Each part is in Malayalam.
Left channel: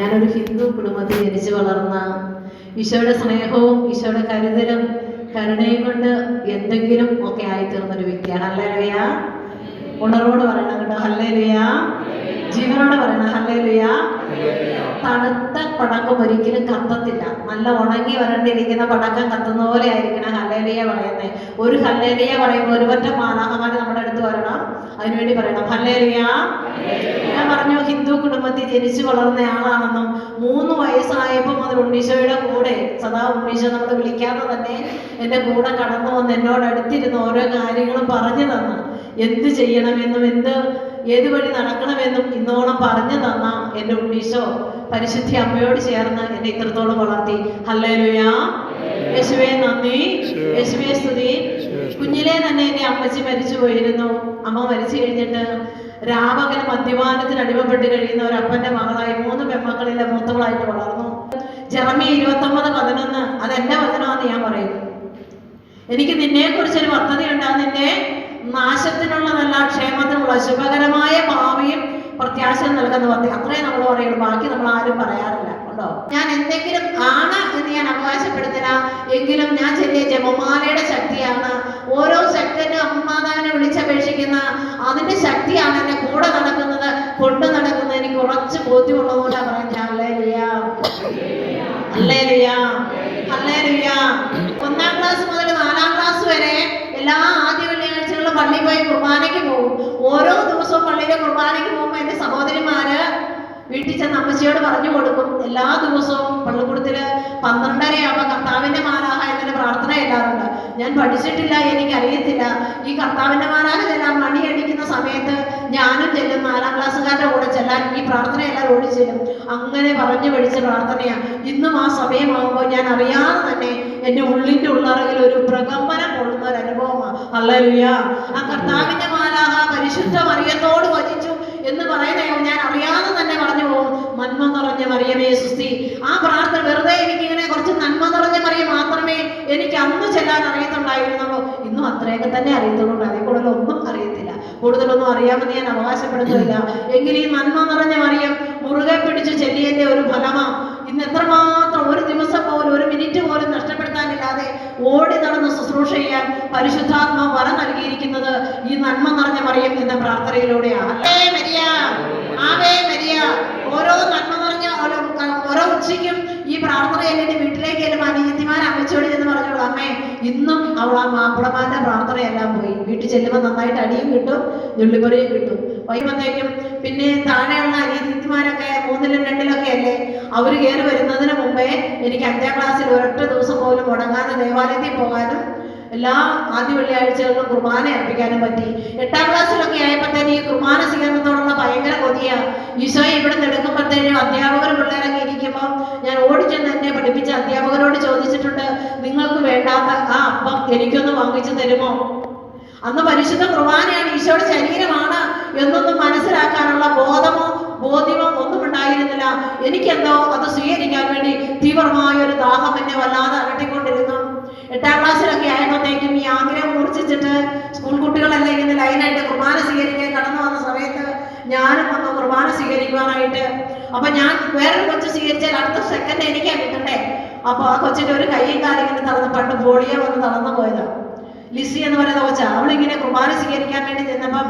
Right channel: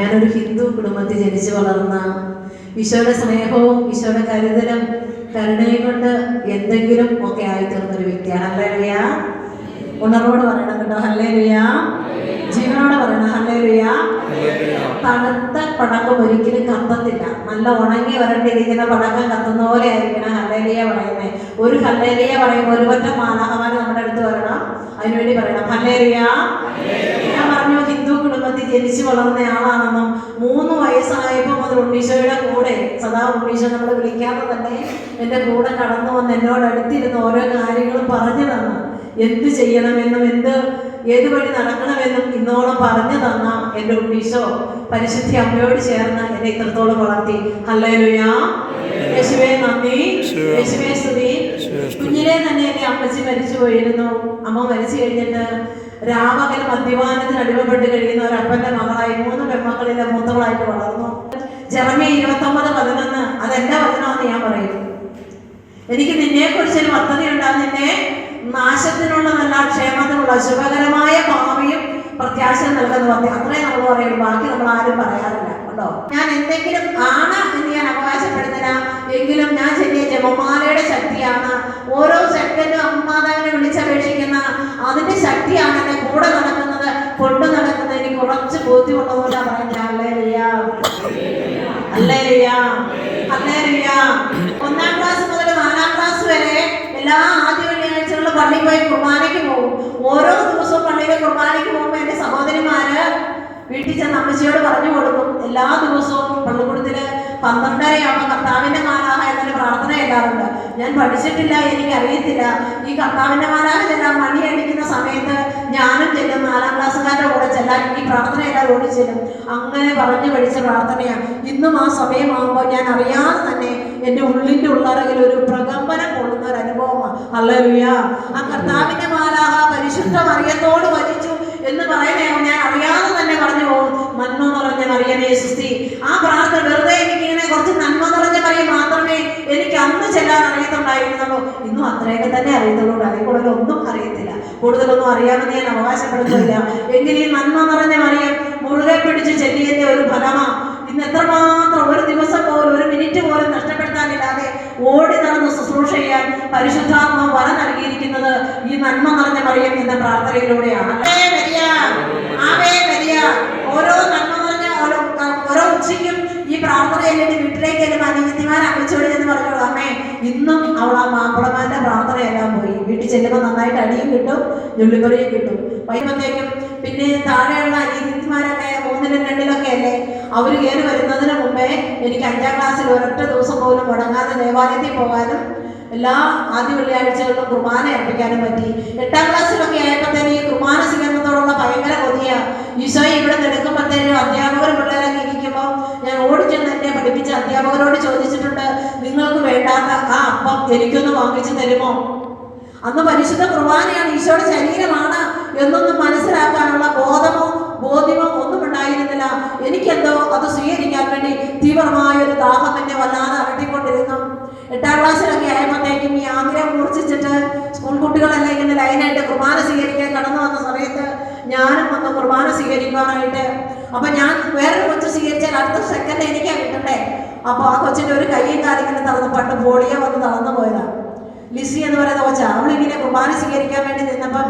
ഞാനൊരു ഹിന്ദു കുടുംബത്തിൽ ജനിച്ചു വളർന്ന ഈശോയുടെ സ്നേഹവും ഈശോയുടെ കരുതലും കരുണയും കൊണ്ട് എന്തെങ്കിലും ഒക്കെ ആയിത്തീർന്നൊരു വ്യക്തിയാണ്. ഹല്ലേലൂയ. ഉണർവോട് പറയണം കേട്ടോ, ഹല്ലേലൂയ. ജീവനോട് പറയണം, ഹല്ലേലൂയ. തണുത്ത പടക്കം ഒരിക്കലും കത്തത്തില്ല. നല്ല ഉണങ്ങി വരണ്ടിരിക്കുന്ന പടക്കം കത്തുന്ന പോലെ ആയിരിക്കണം ഹല്ലേലൂയ പറയുന്നത്. ഒരു ഹല്ലേലൂയ പറയുമ്പോൾ ഒരുപറ്റം മാലാഖമാര് നമ്മുടെ അടുത്ത് വരണം, അതിനുവേണ്ടി പറയണം ഹല്ലേലൂയ. ഞാൻ പറഞ്ഞു ഹിന്ദു കുടുംബത്തിൽ ജനിച്ചു വളർന്ന ആളാണെന്നും 3 വയസ്സായപ്പോൾ മുതൽ ഉണ്ണീശോയുടെ കൂടെ സദാ ഉണ്ണീശോ നമ്മൾ വിളിക്കാതെ തന്നെ എൻ്റെ കൂടെ കടന്നു വന്ന് എന്നോട് അടുത്തിരുന്ന് ഓരോ കാര്യങ്ങളും പറഞ്ഞു തന്നു. എന്ത് ചെയ്യണമെന്നും ഏത് വഴി നടക്കണമെന്നും ഇന്നോളം പറഞ്ഞു തന്ന എൻ്റെ ഉണ്ണീശോ പരിശുദ്ധ അമ്മയോട് ചേർന്ന് എന്നെ ഇത്രത്തോളം വളർത്തി. ഹല്ലേലൂയ. യേശുവേ നന്ദി, യേശുവേ സ്തുതി. കുഞ്ഞിലെ തന്നെ എൻ്റെ അമ്മച്ചി മരിച്ചു പോയിരുന്നു. അമ്മ മരിച്ചു കഴിഞ്ഞിട്ട് രാമകൻ മദ്യപാനത്തിന് അടിമപ്പെട്ട് കഴിയുന്ന ഒരു അപ്പന്റെ മകളായി 3 പെൺമക്കളിലെ മൂത്തവളായിട്ട് വളർന്നു. ജെറമ്യ 29:11 അതെന്റെ വചനമാണെന്ന് ഞാൻ പറയും. എനിക്ക് നിന്നെക്കുറിച്ചൊരു പദ്ധതി ഉണ്ടാകും, നിന്നെ നാശത്തിനുള്ളതല്ല ക്ഷേമത്തിനുള്ള ശുഭകരമായ ഭാവിയും പ്രത്യാശ നൽകുന്ന പദ്ധതി. അത്രയും നമ്മൾ പറയുള്ളൂ, ബാക്കി നമ്മൾ ആരും പറയാറില്ല കേട്ടോ. ഞാൻ എന്തെങ്കിലും ആണ് എന്ന് ഞാൻ അവകാശപ്പെടുന്നില്ല, എങ്കിലും ഞാൻ ചെറിയ ജപമാലയുടെ ശക്തിയാണ്. ഓരോ സെക്കൻഡും അമ്മാതാവിനെ വിളിച്ചപേക്ഷിക്കുന്ന അതിന്റെ ശക്തിയാണ് എന്നെ കൂടെ നടക്കുന്നത്, കൊണ്ടു നടക്കുന്നത്. എനിക്ക് ഉറച്ച് ബോധ്യമുള്ളതുപോലെ പറയുന്നത് ഹല്ലേലൂയ, ഹല്ലേലൂയ, ഹല്ലേലൂയ. 1ാം ക്ലാസ് മുതൽ 4ാം ക്ലാസ് വരെ എല്ലാ ആദ്യ വെള്ളിയാഴ്ചകളിലും പള്ളിയിൽ പോയി കുർബാനയ്ക്ക് പോകും. ഓരോ ദിവസവും പള്ളിയിലെ കുർബാനയ്ക്ക് പോകുമ്പോൾ എൻ്റെ സഹോദരിമാര് വീട്ടിൽ ചെന്ന് അമ്മച്ചിയോട് പറഞ്ഞു കൊടുക്കും. എല്ലാ ദിവസവും പള്ളിക്കൂടത്തില് 12:30 കർത്താവിന്റെ മാലാഹ എന്നൊരു പ്രാർത്ഥന ചെല്ലാറുണ്ട്. ഞാൻ പഠിച്ചിട്ടില്ല, എനിക്കറിയത്തില്ല. ഈ കർത്താവിന്റെ മാലാഹ ചെല്ലാൻ മണി അടിക്കുന്ന സമയത്ത് ഞാനും ചെല്ലും. 4ാം ക്ലാസ്സുകാരുടെ കൂടെ ചെല്ലാൻ ഈ പ്രാർത്ഥന എല്ലാം ഓടിച്ചെല്ലും. അങ്ങനെ പറഞ്ഞു പഠിച്ച പ്രാർത്ഥനയാണ്. ഇന്നും ആ സമയമാകുമ്പോൾ ഞാൻ അറിയാതെ തന്നെ എൻ്റെ ഉള്ളിൻ്റെ ഉള്ളറയിൽ ഒരു പ്രകമ്പനം കൊള്ളുന്ന ഒരു അനുഭവമാണ്. ഹല്ലേലൂയ. ആ കർത്താവിന്റെ മാലാഹ പരിശുദ്ധ മറിയത്തോട് വചിച്ചു എന്ന് പറയുന്നയോ ഞാൻ അറിയാതെ തന്നെ പറഞ്ഞു പോകും, നന്മ നിറഞ്ഞ മറിയമേ സുസ്തി. ആ പ്രാർത്ഥന വെറുതെ എനിക്കിങ്ങനെ കുറച്ച് നന്മ നിറഞ്ഞ മറിയം മാത്രമേ എനിക്ക് അന്ന് ചെല്ലാൻ അറിയത്തുണ്ടായിരുന്നുള്ളൂ. ഇന്നും അത്രയൊക്കെ തന്നെ അറിയത്തുള്ളൂ, അതിൽ കൂടുതൽ ഒന്നും അറിയത്തില്ല. കൂടുതലൊന്നും അറിയാമെന്ന് ഞാൻ അവകാശപ്പെടുന്നില്ല. എങ്കിലും ഈ നന്മ നിറഞ്ഞ മറിയം മുറുകെ പിടിച്ച് ചെല്ലിയതിന്റെ ഒരു ഫലമാ ഇന്ന് എത്രമാത്രം ഒരു ദിവസം പോലും ഒരു മിനിറ്റ് പോലും നഷ്ടപ്പെടുത്താനില്ലാതെ ഓടി നടന്ന് ശുശ്രൂഷ ചെയ്യാൻ പരിശുദ്ധാത്മാവ് വര നൽകിയിരിക്കുന്നത് ഈ നന്മ നിറഞ്ഞ മറിയം എന്ന പ്രാർത്ഥനയിലൂടെയാണ്. ഓരോ നന്മ നിറഞ്ഞ ഓരോ ഉച്ചയ്ക്കും ഈ പ്രാർത്ഥന എന്നിട്ട് വീട്ടിലേക്ക് വരുമ്പോൾ അനിയത്തിമാർ അമ്മച്ചോട് എന്ന് പറഞ്ഞോളൂ, അമ്മേ ഇന്നും അവൾ ആ മാപ്പിളമാരുടെ പ്രാർത്ഥനയെല്ലാം പോയി. വീട്ടിൽ ചെല്ലുമ്പോൾ നന്നായിട്ട് അടിയും കിട്ടും, ഞുള്ളിപ്പറിയും കിട്ടും. വൈകുന്നേരം പിന്നെ താഴെയുള്ള അനിയത്തിമാരൊക്കെ 3ലും 2ലൊക്കെ അല്ലേ, അവർ കയറി വരുന്നതിന് മുമ്പേ എനിക്ക് 5ാം ക്ലാസ്സിൽ ഒരൊറ്റ ദിവസം പോലും മുടങ്ങാതെ ദേവാലയത്തിൽ പോകാനും എല്ലാ ആദ്യ വെള്ളിയാഴ്ചകളിലും കുർബാന അർപ്പിക്കാനും പറ്റി. 8ാം ക്ലാസ്സിലൊക്കെ ആയപ്പോഴത്തേനും ഈ കുർബാന സ്വീകരണത്തോടുള്ള ഭയങ്കര കൊതിയാ. ഈശോയെ ഇവിടെ നിന്ന് എടുക്കുമ്പോഴത്തേനും അധ്യാപകർ പിള്ളേരൊക്കെ ഇരിക്കുമ്പോൾ ഞാൻ ഓടിച്ചെന്ന് എന്നെ പഠിപ്പിച്ച അധ്യാപകരോട് ചോദിച്ചിട്ടുണ്ട്, നിങ്ങൾക്ക് വേണ്ടാത്ത ആ അപ്പം എനിക്കൊന്ന് വാങ്ങിച്ചു തരുമോ? അന്ന് പരിശുദ്ധ കുർബാനയാണ്, ഈശോയുടെ ശരീരമാണ് എന്നൊന്നും മനസ്സിലാക്കാനുള്ള ബോധ്യമോ ഒന്നും ഉണ്ടായിരുന്നില്ല. എനിക്കെന്തോ അത് സ്വീകരിക്കാൻ വേണ്ടി തീവ്രമായൊരു ദാഹം എന്നെ വല്ലാതെ അലട്ടിക്കൊണ്ടിരുന്നു. 8ാം ക്ലാസ്സിലൊക്കെ ആയപ്പോഴത്തേക്കും ഈ ആഗ്രഹം മൂർച്ഛിച്ചിട്ട് സ്കൂൾ കുട്ടികളെല്ലാം ഇങ്ങനെ ലൈനായിട്ട് കുർബാന സ്വീകരിക്കാൻ കടന്നു വന്ന സമയത്ത് ഞാനും വന്ന് കുർബാന സ്വീകരിക്കാനായിട്ട്. അപ്പൊ ഞാൻ വേറൊരു കൊച്ചു സ്വീകരിച്ചാൽ അടുത്ത സെക്കൻഡ് എനിക്കാ കിട്ടണ്ടേ. അപ്പൊ ആ കൊച്ചിന്റെ ഒരു കൈയും കാലിങ്ങനെ തളർന്ന്, പണ്ട് പോളിയോ വന്ന് തളർന്നു പോയതാ. ലിസി എന്ന് പറയുന്ന കൊച്ച, അവളിങ്ങനെ കുർബാന സ്വീകരിക്കാൻ വേണ്ടി നിന്നപ്പം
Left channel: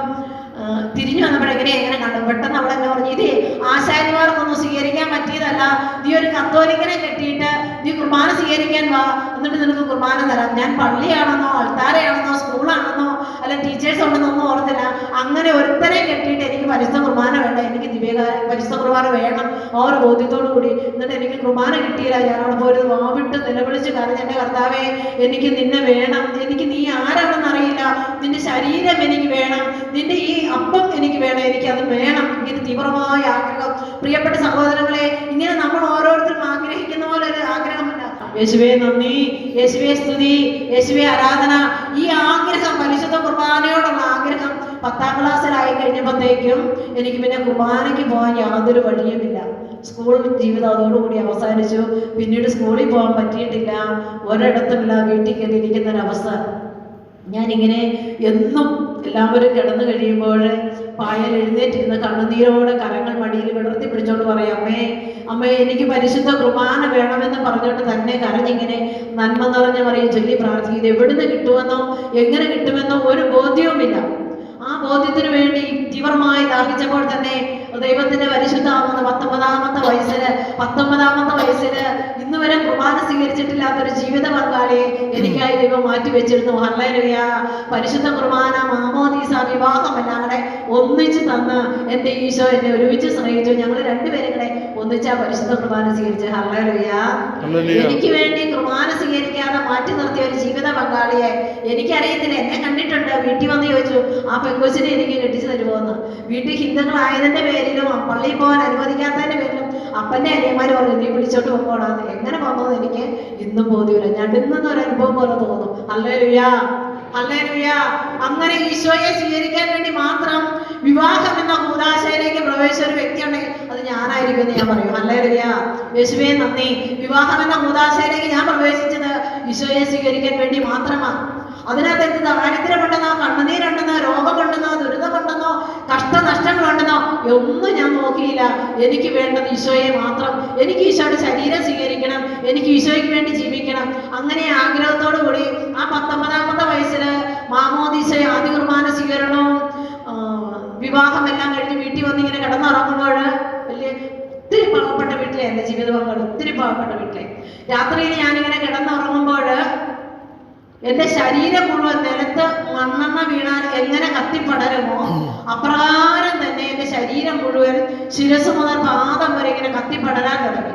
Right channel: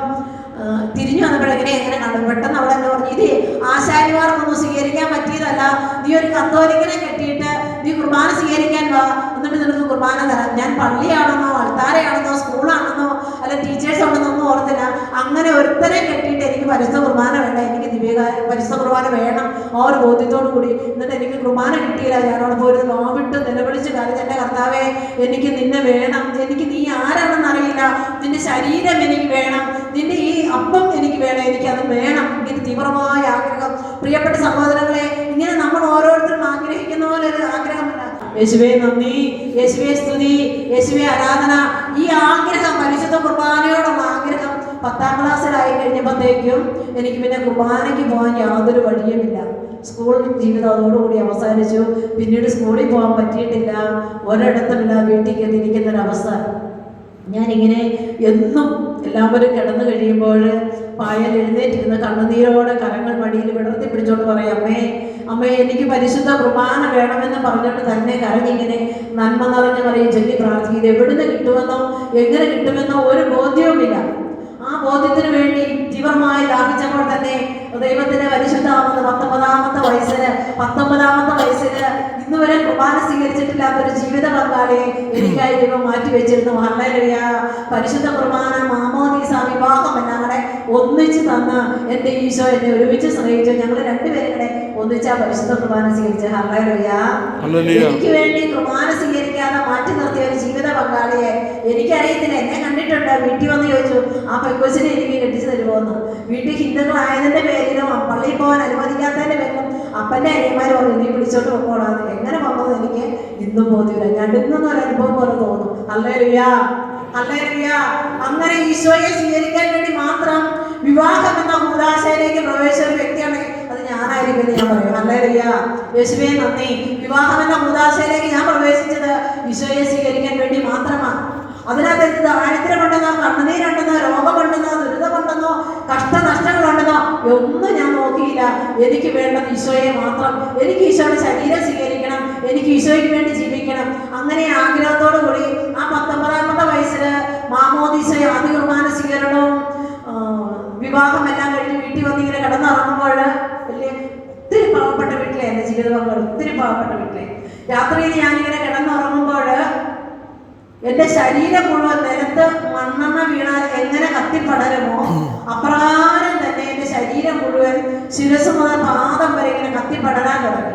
തിരിഞ്ഞു വന്നപ്പോഴെങ്ങനെ എങ്ങനെ കണ്ടു. പെട്ടെന്ന് അവൾ എന്നെ പറഞ്ഞു, ഇത് ആശാരിമാർക്കൊന്നും സ്വീകരിക്കാൻ പറ്റിയതല്ല, നീ ഒരു കത്തോലിക്കനെ കെട്ടിയിട്ട് നീ കുർബാന സ്വീകരിക്കാൻ വാ, എന്നിട്ട് നിനക്ക് കുർബാന തരാം. ഞാൻ പള്ളിയാണെന്നോ അൾത്താരയാണെന്നോ സ്കൂളാണെന്നോ അല്ല ടീച്ചേഴ്സ് ഉണ്ടെന്നോ ഒന്നും ഓർത്തില്ല. അങ്ങനെ ഒരുത്തനെ കെട്ടിയിട്ട് എനിക്ക് പരിശുദ്ധ കുർബാന വേണ്ട, എനിക്ക് പരിശുദ്ധ കുർബാന വേണം ആ ഒരു ബോധ്യത്തോടു കൂടി. എന്നിട്ട് എനിക്ക് കുർബാന കിട്ടിയില്ല. ഞാൻ അവിടെ പോയി വാവിട്ട് നിലവിളിച്ച് കരഞ്ഞ്, എൻ്റെ കർത്താവേ എനിക്ക് നിന്നെ വേണം, എനിക്ക് നീ ആരാണെന്ന് അറിയില്ല, നിന്റെ ശരീരം എനിക്ക് വേണം, നിന്റെ ഈ അപ്പം എനിക്ക് വേണം, എനിക്കത് വേണം. ഇങ്ങനെ തീവ്രമായ ആഗ്രഹം. പ്രിയപ്പെട്ട സഹോദരങ്ങളെ, ഇങ്ങനെ നമ്മൾ ഓരോരുത്തരും ആഗ്രഹിക്കുന്ന പോലെ ഒരു ആഗ്രഹമല്ല. യേശുവേ നന്ദി, യേശുവേ സ്തുതി, യേശുവേ ആരാധന. ഈ ആഗ്രഹം, പരിശുദ്ധ കുർബാനയോടുള്ള ആഗ്രഹം 10ാം ക്ലാസ്സിലായി കഴിഞ്ഞപ്പോഴത്തേക്കും എനിക്ക് പിന്നെ കുർബാനയ്ക്ക് പോകാൻ യാതൊരു വഴിയുമില്ല. സ്കൂൾ ജീവിതം അതോടുകൂടി അവസാനിച്ചു. പിന്നീട് സ്കൂളിൽ പോകാൻ പറ്റിയിട്ടില്ല, ഒരിടത്തുമില്ല, വീട്ടിൽ കയറിയിരിക്കുന്നൊരവസ്ഥ. ഞാനിങ്ങനെ എന്നും എല്ലാവരും കിടന്നു കഴിയുമ്പോൾ പായൽ എഴുന്നേറ്റിരുന്ന് കണ്ണുനീരോടെ കരങ്ങൾ മടിയിൽ വിടർത്തി പിടിച്ചോണ്ട് പറയും, അമ്മേ അമ്മേ എനിക്ക് പരിശുദ്ധ കുർബാന വേണമെന്ന് പറഞ്ഞുകൊണ്ട് തന്നെ കരഞ്ഞിങ്ങനെ നന്മ നിറഞ്ഞ പറയും ചൊല്ലി പ്രാർത്ഥിക്കുന്നത്. എവിടുന്ന് കിട്ടുമെന്നോ എങ്ങനെ കിട്ടുമെന്നോ ഒരു ബോധ്യവുമില്ല. ആ ബോധ്യത്തിന് വേണ്ടി തീവ്രമായി ദാഹിച്ചപ്പോൾ തന്നെ ദൈവത്തിന്റെ പരിശുദ്ധമാകുന്ന 19ാമത്തെ വയസ്സില് ഇന്ന് വരെ കുർബാന സ്വീകരിച്ചിട്ടില്ലാത്തൊരു ജീവിത പങ്കാളിയെ എനിക്കായി ദൈവം മാറ്റി വെച്ചിരുന്നു. ഹല്ലേലൂയ. പരിശുദ്ധ കുർബാന, മാമോദീസ, വിവാഹം എല്ലാം കൂടെ ഒന്നിച്ച് തന്ന് എൻ്റെ ഈശോ എന്നെ ഒരുമിച്ച് സ്നേഹിച്ചു. ഞങ്ങൾ രണ്ടുപേരും കൂടെ ഒന്നിച്ചാ പരിശുദ്ധ കുർബാന സ്വീകരിച്ചു. ഹല്ലേലൂയ. എനിക്ക് വേണ്ടി കുർബാന സ്വീകരിക്കാതെ മാറ്റി നിർത്തിയ ഒരു ജീവിത പങ്കാളിയെ എനിക്കറിയത്തില്ല. എന്നെ കണ്ടിട്ടുണ്ട്. വീട്ടിൽ വന്ന് ചോദിച്ചു, ആ പെങ്കൊച്ചിനെ എനിക്ക് കെട്ടിച്ചു തരുമോന്ന്. വീട്ടിൽ ഹിന്ദുക്കളായതിന്റെ പേരിലും പള്ളിയിൽ പോകാൻ അനുവദിക്കാത്തതിന്റെ പേരിലും അപ്പന്റെ അനിയന്മാർ പറഞ്ഞു, നീ വിളിച്ചോട്ട് പോകണമെന്ന്. എങ്ങനെ വന്നത് എനിക്ക് ഇന്നും ബോധ്യമില്ല. ഞടുങ്ങുന്ന ഒരു അനുഭവം പോലെ തോന്നും. Hallelujah, hallelujah. അങ്ങനെ ഈശോയെ സ്വീകരിക്കാൻ വേണ്ടി മാത്രം വിവാഹം എന്ന കൂദാശയിലേക്ക് പ്രവേശിച്ച ഒരു വ്യക്തിയാണെങ്കിൽ അത് ഞാനായിരിക്കും ഞാൻ പറയും. ഹല്ലേലൂയ. യേശുവേ നന്ദി. വിവാഹം എന്ന കൂദാശയിലേക്ക് ഞാൻ പ്രവേശിച്ചത് ഈശോയെ സ്വീകരിക്കാൻ വേണ്ടി മാത്രമാണ്. അതിനകത്ത് എന്ത് ദാരിദ്ര്യമുണ്ടെന്നോ കണ്ണുനീരുണ്ടെന്നോ രോഗമുണ്ടെന്നോ ദുരിതമുണ്ടെന്നോ കഷ്ടനഷ്ടങ്ങളുണ്ടെന്നോ ഒന്നും ഞാൻ നോക്കിയില്ല. എനിക്ക് വേണ്ടത് ഈശോയെ മാത്രം. എനിക്ക് ഈശോയുടെ ശരീരം സ്വീകരിക്കണം, എനിക്ക് ഈശോയ്ക്ക് വേണ്ടി ജീവിക്കണം. അങ്ങനെ ആഗ്രഹത്തോടു കൂടി ആ 19ാമത്തെ വയസ്സില് മാമോദീസ, ആദ്യ കുർബാന സ്വീകരണവും വിവാഹമെല്ലാം കഴിഞ്ഞ് വീട്ടിൽ വന്ന് ഇങ്ങനെ കിടന്നുറങ്ങുമ്പോൾ വലിയ ഒത്തിരി പാവപ്പെട്ട വീട്ടിലെ എൻ്റെ ജീവിത പങ്കാളി, ഒത്തിരി പാവപ്പെട്ട വീട്ടിലെ രാത്രിയിൽ ഞാനിങ്ങനെ കിടന്നുറങ്ങുമ്പോൾ എന്റെ ശരീരം മുഴുവൻ നിലത്ത് മണ്ണെണ്ണ വീണാൽ എങ്ങനെ കത്തിപ്പടരുമോ അപ്രകാരം തന്നെ എന്റെ ശരീരം മുഴുവൻ ശിരസ് മുതൽ പാദം വരെ ഇങ്ങനെ കത്തിപ്പടരാൻ തുടങ്ങി.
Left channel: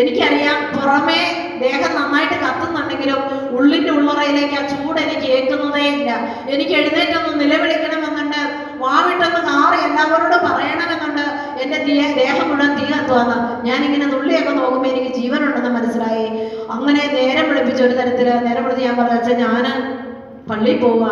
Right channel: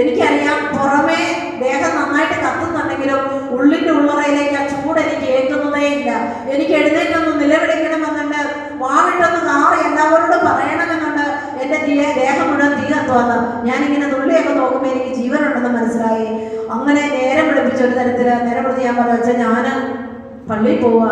എനിക്കറിയാം പുറമേ ദേഹം നന്നായിട്ട് കത്തുന്നുണ്ടെങ്കിലും ഉള്ളിന്റെ ഉള്ളറയിലേക്ക് ആ ചൂട് എനിക്ക് ഏൽക്കുന്നതേ ഇല്ല. എനിക്ക് എഴുന്നേറ്റൊന്ന് നിലവിളിക്കണമെന്നുണ്ട്, വാവിട്ടൊന്ന് കാറി എല്ലാവരോടും പറയണമെന്നുണ്ട്. എന്റെ ദേഹം മുഴുവൻ തീ കത്തുവന്ന് ഞാനിങ്ങനെ നുള്ളിയൊക്കെ നോക്കുമ്പോൾ എനിക്ക് ജീവനുണ്ടെന്ന് മനസ്സിലായി. അങ്ങനെ നേരം വിളിപ്പിച്ച ഒരു തരത്തില് നേരം വിളിച്ച് ഞാൻ പറഞ്ഞു, വെച്ചാൽ ഞാൻ പള്ളിയിൽ പോവാ,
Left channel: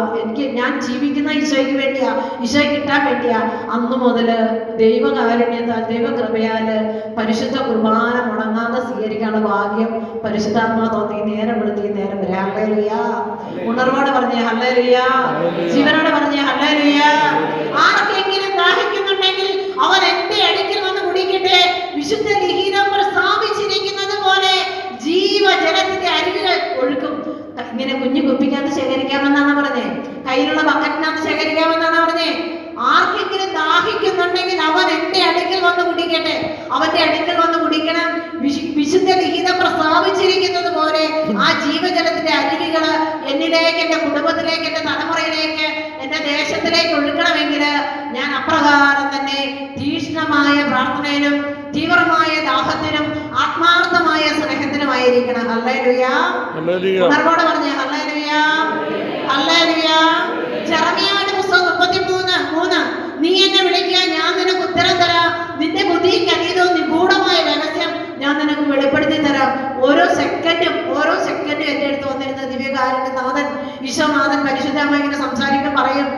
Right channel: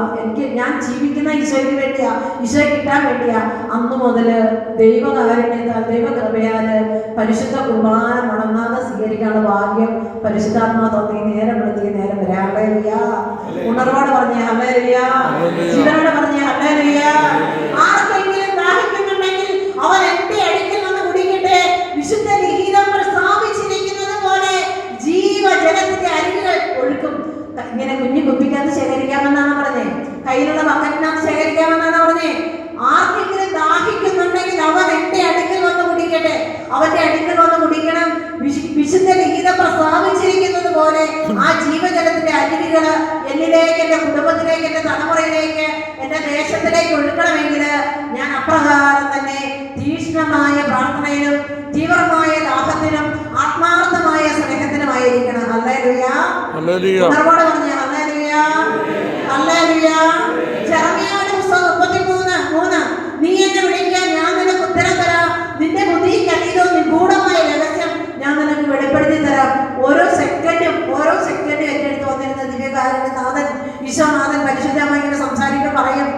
ഞാൻ ജീവിക്കുന്ന ഈശോയ്ക്ക് വേണ്ടിയാ, ഈശോയെ കിട്ടാൻ വേണ്ടിയാ. അന്നു മുതല് ദൈവകാരുണ്യത്താൽ ദൈവകൃപയാല് പരിശുദ്ധ കുർബാന മുടങ്ങാതെ സ്വീകരിക്കാനുള്ള ഭാഗ്യം പരിശുദ്ധാത്മാ തോന്നി. നേരം വിളിച്ച് നേരം വരെ. ഹല്ലേലൂയ. ഉണർവോടെ പറഞ്ഞേ ഹല്ലേലൂയ. ജീവനോടെ പറഞ്ഞേ ഹല്ലേലൂയ. ആർക്കെങ്കിലും ദാഹിക്കുന്നുണ്ടെങ്കിൽ അവൻ എന്റെ അടുക്കൽ വന്ന് കുടിക്കട്ടെ. വിശുദ്ധ ലിഖിതം പ്രസ്താവിച്ചിരിക്കുന്നത് പോലെ ജീവജലത്തിന്റെ അരുവികൾ ഒഴുക്കും. ഇങ്ങനെ കുഞ്ഞു കുപ്പിക്കകത്ത് ശേഖരിക്കാമെന്നാണ് പറഞ്ഞേ, കയ്യിലുള്ള ബക്കറ്റിനകത്ത് ശേഖരിക്കാമെന്നാണ് പറഞ്ഞേ. ആർക്കെങ്കിലും ദാഹിക്കുന്നുണ്ടെങ്കിൽ അവൻ എന്റെ അടുക്കൽ വന്ന് കുടിക്കട്ടെ. അവന്റെ അടുക്കൽ വന്ന് കുടിക്കണം. വിശുദ്ധ ലിഖിതം പ്രസ്താവിച്ചിരിക്കുന്നത് പോലെ ആ ജീവജലത്തിന്റെ അരുവികള് എന്നിലേക്ക്, എന്റെ കുടുംബത്തിലേക്ക്, എന്റെ തലമുറയിലേക്ക്, എന്റെ ദേശത്തിലേക്ക് ഒഴുക്കണമെങ്കിൽ ഞാൻ അപ്രകാരം തന്നെ തീക്ഷ്ണമായ പ്രാർത്ഥനയിലും തീവ്രമായ ദാഹത്തിനും ആത്മാർത്ഥമായ സ്നേഹത്തിനുമായിരിക്കണം. ഹല്ലേലൂയ. ഉണർവോടെ പറഞ്ഞേ ഹല്ലേലൂയ, ഹല്ലേലൂയ. ജെറമ്യായുടെ പുസ്തകം 33:3 നീ എന്നെ വിളിക്കുക, ഞാൻ നിനക്ക് ഉത്തരം തരാം. നിന്റെ ബുദ്ധിക്ക് അതീതവും നിഗൂഢമായ രഹസ്യം ഞാൻ നിനക്ക് വെളിപ്പെടുത്തി തരാം. ഓരോ സെക്കൻഡും എൻ്റെ അടുത്ത് വന്നിരുന്ന ദിവ്യകാരുണ്യനാഥൻ ഈശോനാഥൻ പരിശുദ്ധമായി ഇങ്ങനെ സംസാരിക്കാൻ പറയും.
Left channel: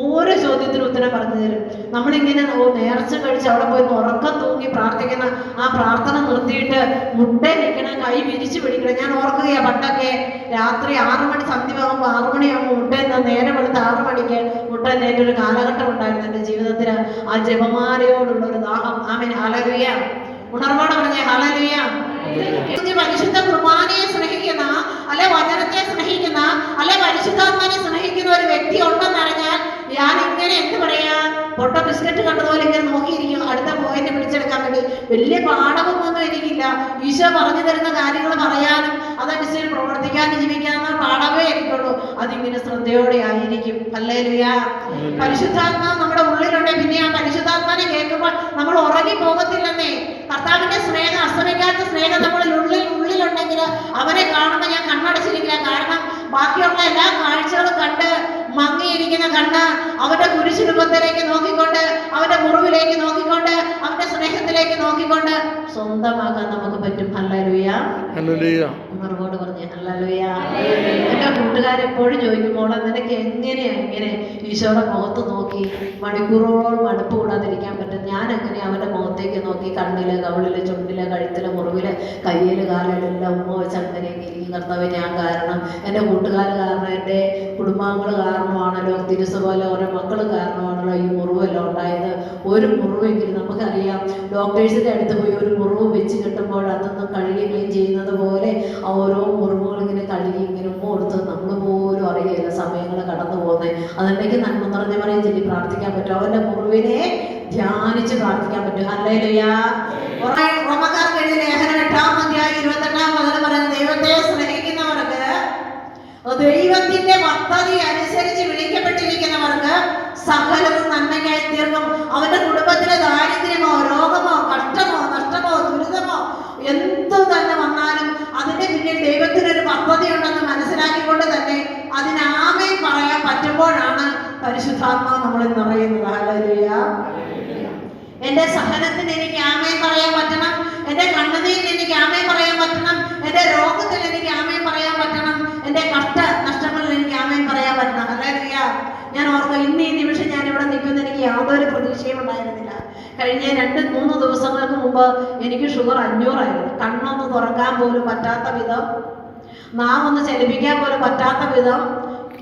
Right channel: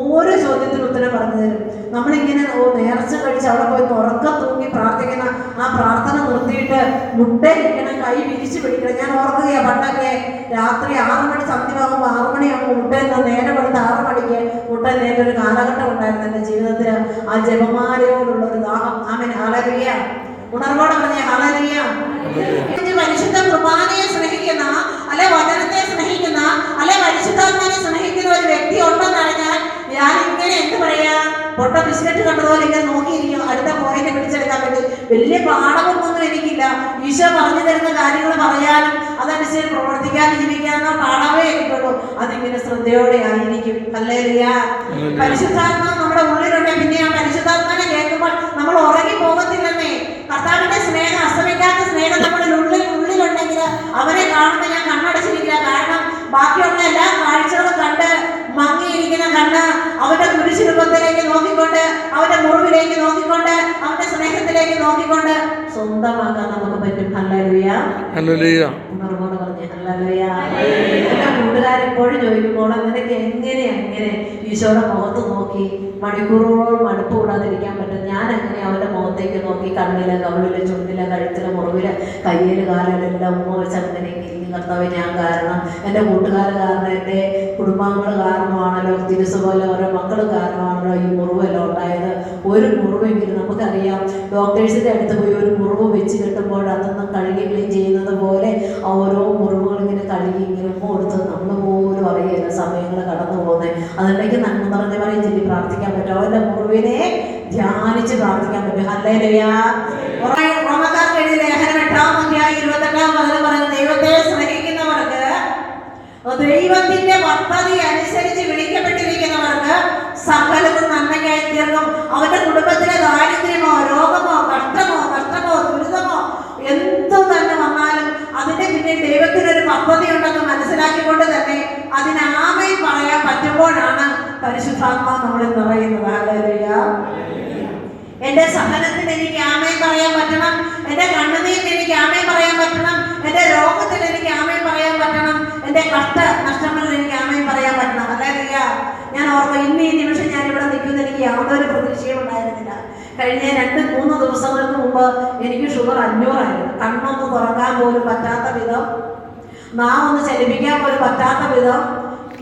ഓരോ ചോദ്യത്തിനും ഉത്തരം പറഞ്ഞു തരും. നമ്മളിങ്ങനെ നേർച്ച കഴിച്ച് അവിടെ പോയി ഉറക്കം തൂങ്ങി പ്രാർത്ഥിക്കുന്ന ആ പ്രാർത്ഥന നിർത്തിയിട്ട് മുട്ടയിരിക്കണം, കൈ വിരിച്ചു പിടിക്കണം. ഞാൻ ഓർക്കുകയാ, പണ്ടൊക്കെ രാത്രി 6 മണി സന്ധ്യമാകുമ്പോൾ 6 മണിയാകുമ്പോൾ മുട്ട നേരം എടുത്ത് 6 മണിക്ക് മുട്ട നേറ്റൊരു കാലഘട്ടം ഉണ്ടായിരുന്നു എൻ്റെ ജീവിതത്തിൽ. ആ ജപമാലയോടുള്ള ഒരു ദാഹം. ആമേൻ. ഹല്ലേലൂയ. ഉണർവോടെ പറഞ്ഞേ ഹല്ലേലൂയ. പരിശുദ്ധ കുർബാനയെ സ്നേഹിക്കുന്ന, അല്ലെ വചനത്തെ സ്നേഹിക്കുന്ന, അല്ലെ പരിശുദ്ധാത്മാവിനെ സ്നേഹിക്കുന്ന ഒരു വ്യക്തി ഉണ്ടെന്നറിഞ്ഞാൽ ഞാൻ ഇങ്ങനെ എന്ത് പറയാ, പൊട്ട ബിസ്ക്കറ്റ് കണ്ടതുപോലെ ഇങ്ങനെ നോക്കിയിരിക്കും അടുത്ത പോയിന്റ് പിടിച്ചെടുക്കാൻ വേണ്ടി. വലിയ പാഠമൊന്നും എനിക്കില്ല. ഈശോ പറഞ്ഞു തരുന്ന കാര്യങ്ങൾ പറയാനും അതനുസരിച്ച് പ്രവർത്തിക്കാനും ജീവിക്കാനുള്ള പാഠമേ എനിക്കുള്ളൂ. അതിങ്ങനെ ശ്രദ്ധയോടെ ആയിരിക്കും. ഹല്ലേലൂയ. പരിശുദ്ധാത്മാവ് നമ്മുടെ ഉള്ളിലുണ്ട്. പിന്നെ ആ പരിശുദ്ധാത്മാവിനെ കേൾക്കുമ്പോൾ നമ്മൾ ഉറങ്ങി പോകത്തില്ലെന്നേ. കർത്താവിന്റെ സ്നേഹം, അസ്തമിക്കാത്ത സ്നേഹം നമ്മുടെ ഉള്ളിലുണ്ടെങ്കിൽ അവനെ കാണുമ്പോൾ ഞാൻ കണ്ണടച്ചിരിക്കില്ല. കാരണം ബാക്കിയുള്ള എല്ലാ കാഴ്ചകളും കണ്ട് മങ്ങിയിരിക്കുന്ന കണ്ണ് അവന്റെ കുരിശുരൂപത്തിലേക്ക് നോക്കിക്കൊണ്ട്, അവന്റെ മുറിവിലേക്ക് നോക്കിക്കൊണ്ട്, അവന്റെ സ്നേഹത്തിലേക്ക് നോക്കിക്കൊണ്ട് സ്വന്തമാക്കാൻ നമുക്ക് പറ്റും. ഹല്ലേലൂയ. ഉണർവോട് പറഞ്ഞേ ഹല്ലേലൂയ. എന്റെ കൂട്ടുകാരെപ്പോഴും ചോദിക്കുമ്പോൾ നിനക്ക് എങ്ങനെ ഈശോയുടെ മുഖത്ത് നോക്കി മണിക്കൂറുകളോളം മടുപ്പ് കൂടാതിരിക്കാൻ പറ്റും? ഞാൻ എങ്ങനെ അവന്റെ മുഖത്തേക്ക് നോക്കി കണ്ണില്, കവിളില്, ചുണ്ടില്, കഴുത്തില്, മുറിവില്, കയ്യില്, കാലിലെല്ലാം ഉമ്മ വെച്ച് അങ്ങനെ ഇരിക്കും. കർത്താവെ ഞാൻ കാരണം, എൻ്റെ കൂട്ടുകാർ കാരണം, എൻ്റെ കുടുംബാംഗങ്ങൾ കാരണമാണല്ലോ, തിരുസ പോലെ ഓരോ മക്കൾ കാരണമാണല്ലോ ഈ മുറിവെല്ലാം ഉണ്ടായത്. ഒരു മുറിവെങ്കിലും നമുക്കറിയാം, ഡോക്ടേഴ്സിൻ്റെ അടുത്ത് പോയി ഒരു മുറിവ് വെച്ച് കിട്ടുമ്പോൾ അതൊന്നും കഴുകി ക്ലീൻ ചെയ്യുന്നത് പോലെ ആ ഓരോ മുറിവുകൾ ഇങ്ങനെ കഴുകി ഇങ്ങനെ ഉമ്മ കൊടുത്ത് നമ്മൾ പോലും അറിയില്ല സമയങ്ങൾ കടന്നു പോകുന്നത്. അതുണ്ടെങ്കിൽ നന്മ നിറഞ്ഞ പറയും ചൊല്ലി പ്രാർത്ഥിക്കാൻ പറ്റും, അവൻ്റെ മുറിവിനെ ധ്യാനിച്ച് പ്രാർത്ഥിക്കാൻ പറ്റും. ഹല്ലേലൂയ. റോമക്കാർക്ക് എഴുതിയ ലേഖനം 8-ാം അധ്യായം 28-ാം വചനം പറയുന്നത്, ദൈവത്തെ സ്നേഹിക്കുന്നവർക്ക്, ദൈവത്തിന്റെ പദ്ധതി അനുസരിച്ച് വിളിക്കപ്പെട്ടിരിക്കുന്നവർക്ക് സകലവും നന്മയ്ക്കായി തീർക്കും. അവന്റെ കുടുംബത്തിലെ ദാരിദ്ര്യമോ രോഗമോ കഷ്ടമോ നഷ്ടമോ ദുരിതമോ എന്തു തന്നെ വന്നാലും അതിന്റെ പിന്നിൽ ദൈവത്തിനൊരു പദ്ധതി ഉണ്ടെന്ന് മനസ്സിലാക്കിക്കൊണ്ട് തന്നെ അതിന് ആമേൻ പറയാൻ പറ്റുമ്പോഴാണ് പരിശുദ്ധാത്മാവ് നമ്മളിൽ നിറയുന്നത്. ഹല്ലേലൂയ. എന്റെ സഹനത്തിന് എനിക്ക് ആമേൻ പറയാൻ പറ്റണം, എന്റെ കണ്ണുനീരിന് എനിക്ക് ആമേൻ പറയാൻ പറ്റണം, എന്റെ രോഗത്തിൽ എനിക്ക് ആമേൻ പറയാൻ പറ്റണം, എന്റെ നഷ്ടങ്ങളിൽ എനിക്ക് ആമേൻ പറയാൻ പറ്റണം. ഹല്ലേലൂയ. ഞാൻ ഓർക്കും, ഇന്ന് ഈ നിമിഷം ഞാൻ ഇവിടെ നിൽക്കുന്ന എനിക്ക് യാതൊരു പ്രതീക്ഷയും ഉണ്ടായിരുന്നില്ല. കഴിഞ്ഞ 2-3 ദിവസങ്ങൾക്ക് മുമ്പ് എനിക്ക് ഷുഗർ 500 ആയിരുന്നു. കണ്ണൊന്ന് തുറക്കാൻ പോലും പറ്റാത്ത വിധം, നാമൊന്ന് ചലിപ്പിക്കാൻ പോലും പറ്റാത്ത വിധം,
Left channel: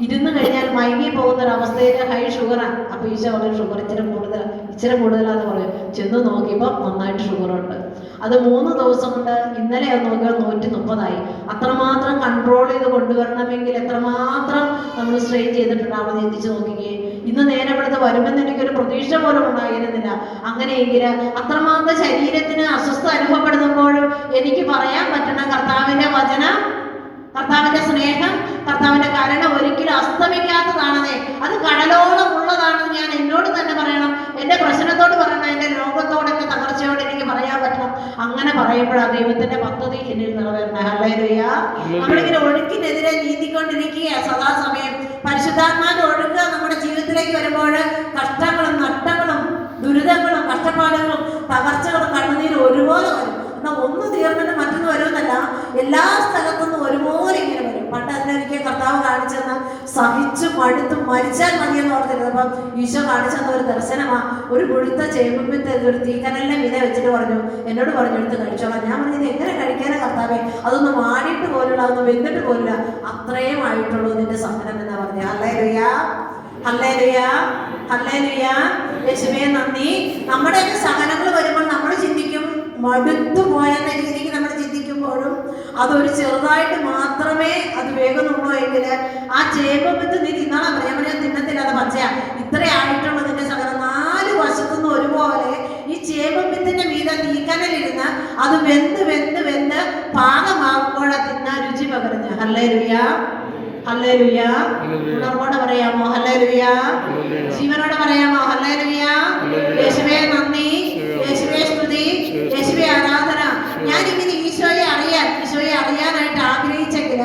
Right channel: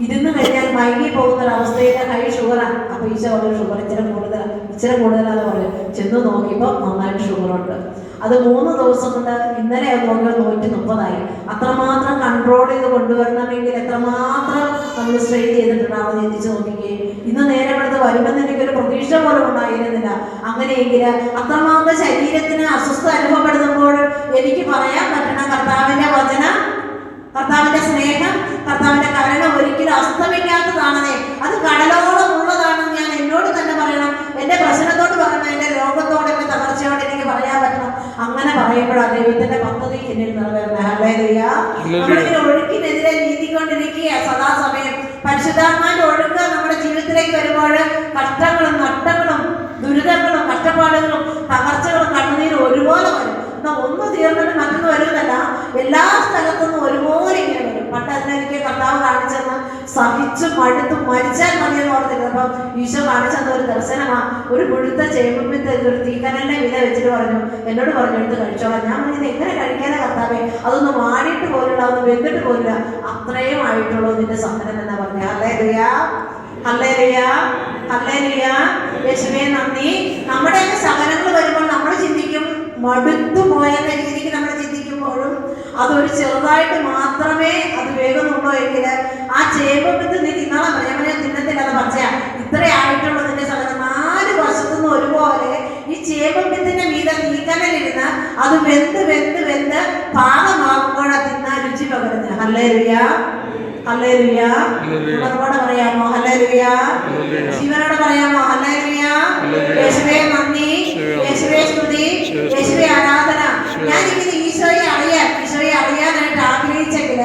ഇരുന്ന് കഴിഞ്ഞാൽ മയങ്ങി പോകുന്നൊരവസ്ഥയിൽ ഹൈ ഷുഗറാണ്. അപ്പോൾ ഈശോ ഒരു ഷുഗർ ഇച്ചിരി കൂടുതലാന്ന് പറയും. ചെന്ന് നോക്കിയപ്പോൾ നന്നായിട്ട് ഷുഗറുണ്ട്. അത് 3 ദിവസം കൊണ്ട് ഇന്നലെ അത് നോക്കിയാൽ 130 അത്രമാത്രം കൺട്രോൾ ചെയ്ത് കൊണ്ടുവരണമെങ്കിൽ എത്രമാത്രം നമ്മൾ സ്ട്രെയിൻ ചെയ്തിട്ടുണ്ടാവും ചിന്തിച്ച് നോക്കിക്കേ. ഇന്ന് നേരെ ഇവിടുത്തെ വരുമെന്ന് എനിക്കൊരു പ്രതീക്ഷ പോലും ഉണ്ടായിരുന്നില്ല. അങ്ങനെയെങ്കിൽ അത്രമാത്രം ശരീരത്തിന് അസ്വസ്ഥ അനുഭവപ്പെടുമ്പോഴും എനിക്ക് പറയാൻ പറ്റണം, കർത്താവിൻ്റെ വചനം, കർത്താവിൻ്റെ സ്നേഹം, കർത്താവിൻ്റെ കരുണ ഒരിക്കലും അസ്തമിക്കാത്തതാണെന്നേ. അത് കടലോളം ഉള്ളതാണെന്ന് ഞാൻ എന്നോട് തന്നെ പറയണം, എൻ്റെ പ്രശ്നത്തോട് പറയണം, എൻ്റെ രോഗത്തോട്, എൻ്റെ തകർച്ചയോട് എനിക്ക് പറയാൻ പറ്റണം. അങ്ങനെ പറയുമ്പോഴാണ് ദൈവത്തിന്റെ പദ്ധതി എന്നിൽ നിറവേറണേ. ഹല്ലേലൂയ. നമ്മളിങ്ങനെ ഒഴുക്കിനെതിരെ നീന്തിക്കൊണ്ടിരിക്കുക സദാസമയം. പരിശുദ്ധാത്മാവിന്റെ ഒഴുക്ക് നമ്മുടെ ജീവിതത്തിലേക്ക് വരുമ്പോൾ കഷ്ടങ്ങളും നഷ്ടങ്ങളും ദുരിതങ്ങളും കഷ്ടപ്പാടുകളും തകർച്ചകളും കണ്ണുനീരും ഒരുപോലെ വരും. എന്നാൽ ഒന്ന് തീർന്നിട്ട് മറ്റൊന്ന് വരുന്നതല്ല, എല്ലാ സ്ഥലത്തുനിന്നും ഒരുപോലെ ഇങ്ങനെ വരും. പണ്ട് അതിനെനിക്ക് കർത്താവ് കാണിച്ചെന്ന് സഹിച്ചു മടുത്ത് മരിച്ചാൽ മതിയെന്ന് ഓർത്തിരുന്നത്. അപ്പം ഈശോ കാണിച്ചെന്ന ഒരു ദർശനമാണ്. ഒരു മുഴുത്ത ചേമ്പിന്റെ ഒരു തീക്കനലിനെ വില വെച്ചിട്ട് പറഞ്ഞു, എന്നോട് പറഞ്ഞു എടുത്ത് കഴിച്ചോളാം. ഞാൻ പറഞ്ഞത് എങ്ങനെ കഴിക്കാനാ കർത്താവേ, അതൊന്ന് മാറിയിട്ട് പോലുള്ള, അതൊന്ന് വെന്തിട്ട് പോലില്ല, അത്രയും ആയിട്ടുള്ളൂ നിന്റെ സഹനം എന്നാ പറഞ്ഞു. ഹല്ലേലൂയ, ഹല്ലേലൂയ, ഹല്ലേലൂയ. യേശുവേ നന്ദി. നമ്മുടെയൊക്കെ സഹനങ്ങൾ വരുമ്പോൾ നമ്മൾ ചിന്തിക്കും, മടുത്തു പോയെന്ന രീതിക്ക് നമ്മൾ ചിന്തിക്കുമ്പോഴും അതൊരു ചെറുതായിട്ട് മാത്രമേ അത് വേഗമുള്ളൂ എങ്കിൽ ആ ചേമ്പത്ത് നീ തിന്നോളാം പറയാൻ പറയാൻ തിന്നത്തില്ല, അത് പച്ചയാ, ഇത്രേ ആയിട്ടുള്ളൂ നിന്റെ സഹനം. 4 വശത്തുനിന്ന് ഒരുപോലെ ഈ ചേമ്പത്തിന്റെ മീതെ തീക്കനലിരുന്ന് അത് വെന്ത് വെന്ത് വെന്ത് പാകമാകുമ്പോഴാ തിന്നാൻ രുചി പകരുന്നത്. Hallelujah, hallelujah. ഉണർവോടെ പറയാമോ ഹല്ലേലൂയ? ജീവനോടെ പറയാമോ ഹല്ലേലൂയ? യേശുവേ നന്ദി, യേശുവേ സ്തുതി, യേശുവേ ആരാധന. ഞാനിങ്ങനെ ഈശോയെ അറിയാനായിട്ട് ആഗ്രഹിച്ചെങ്കിൽ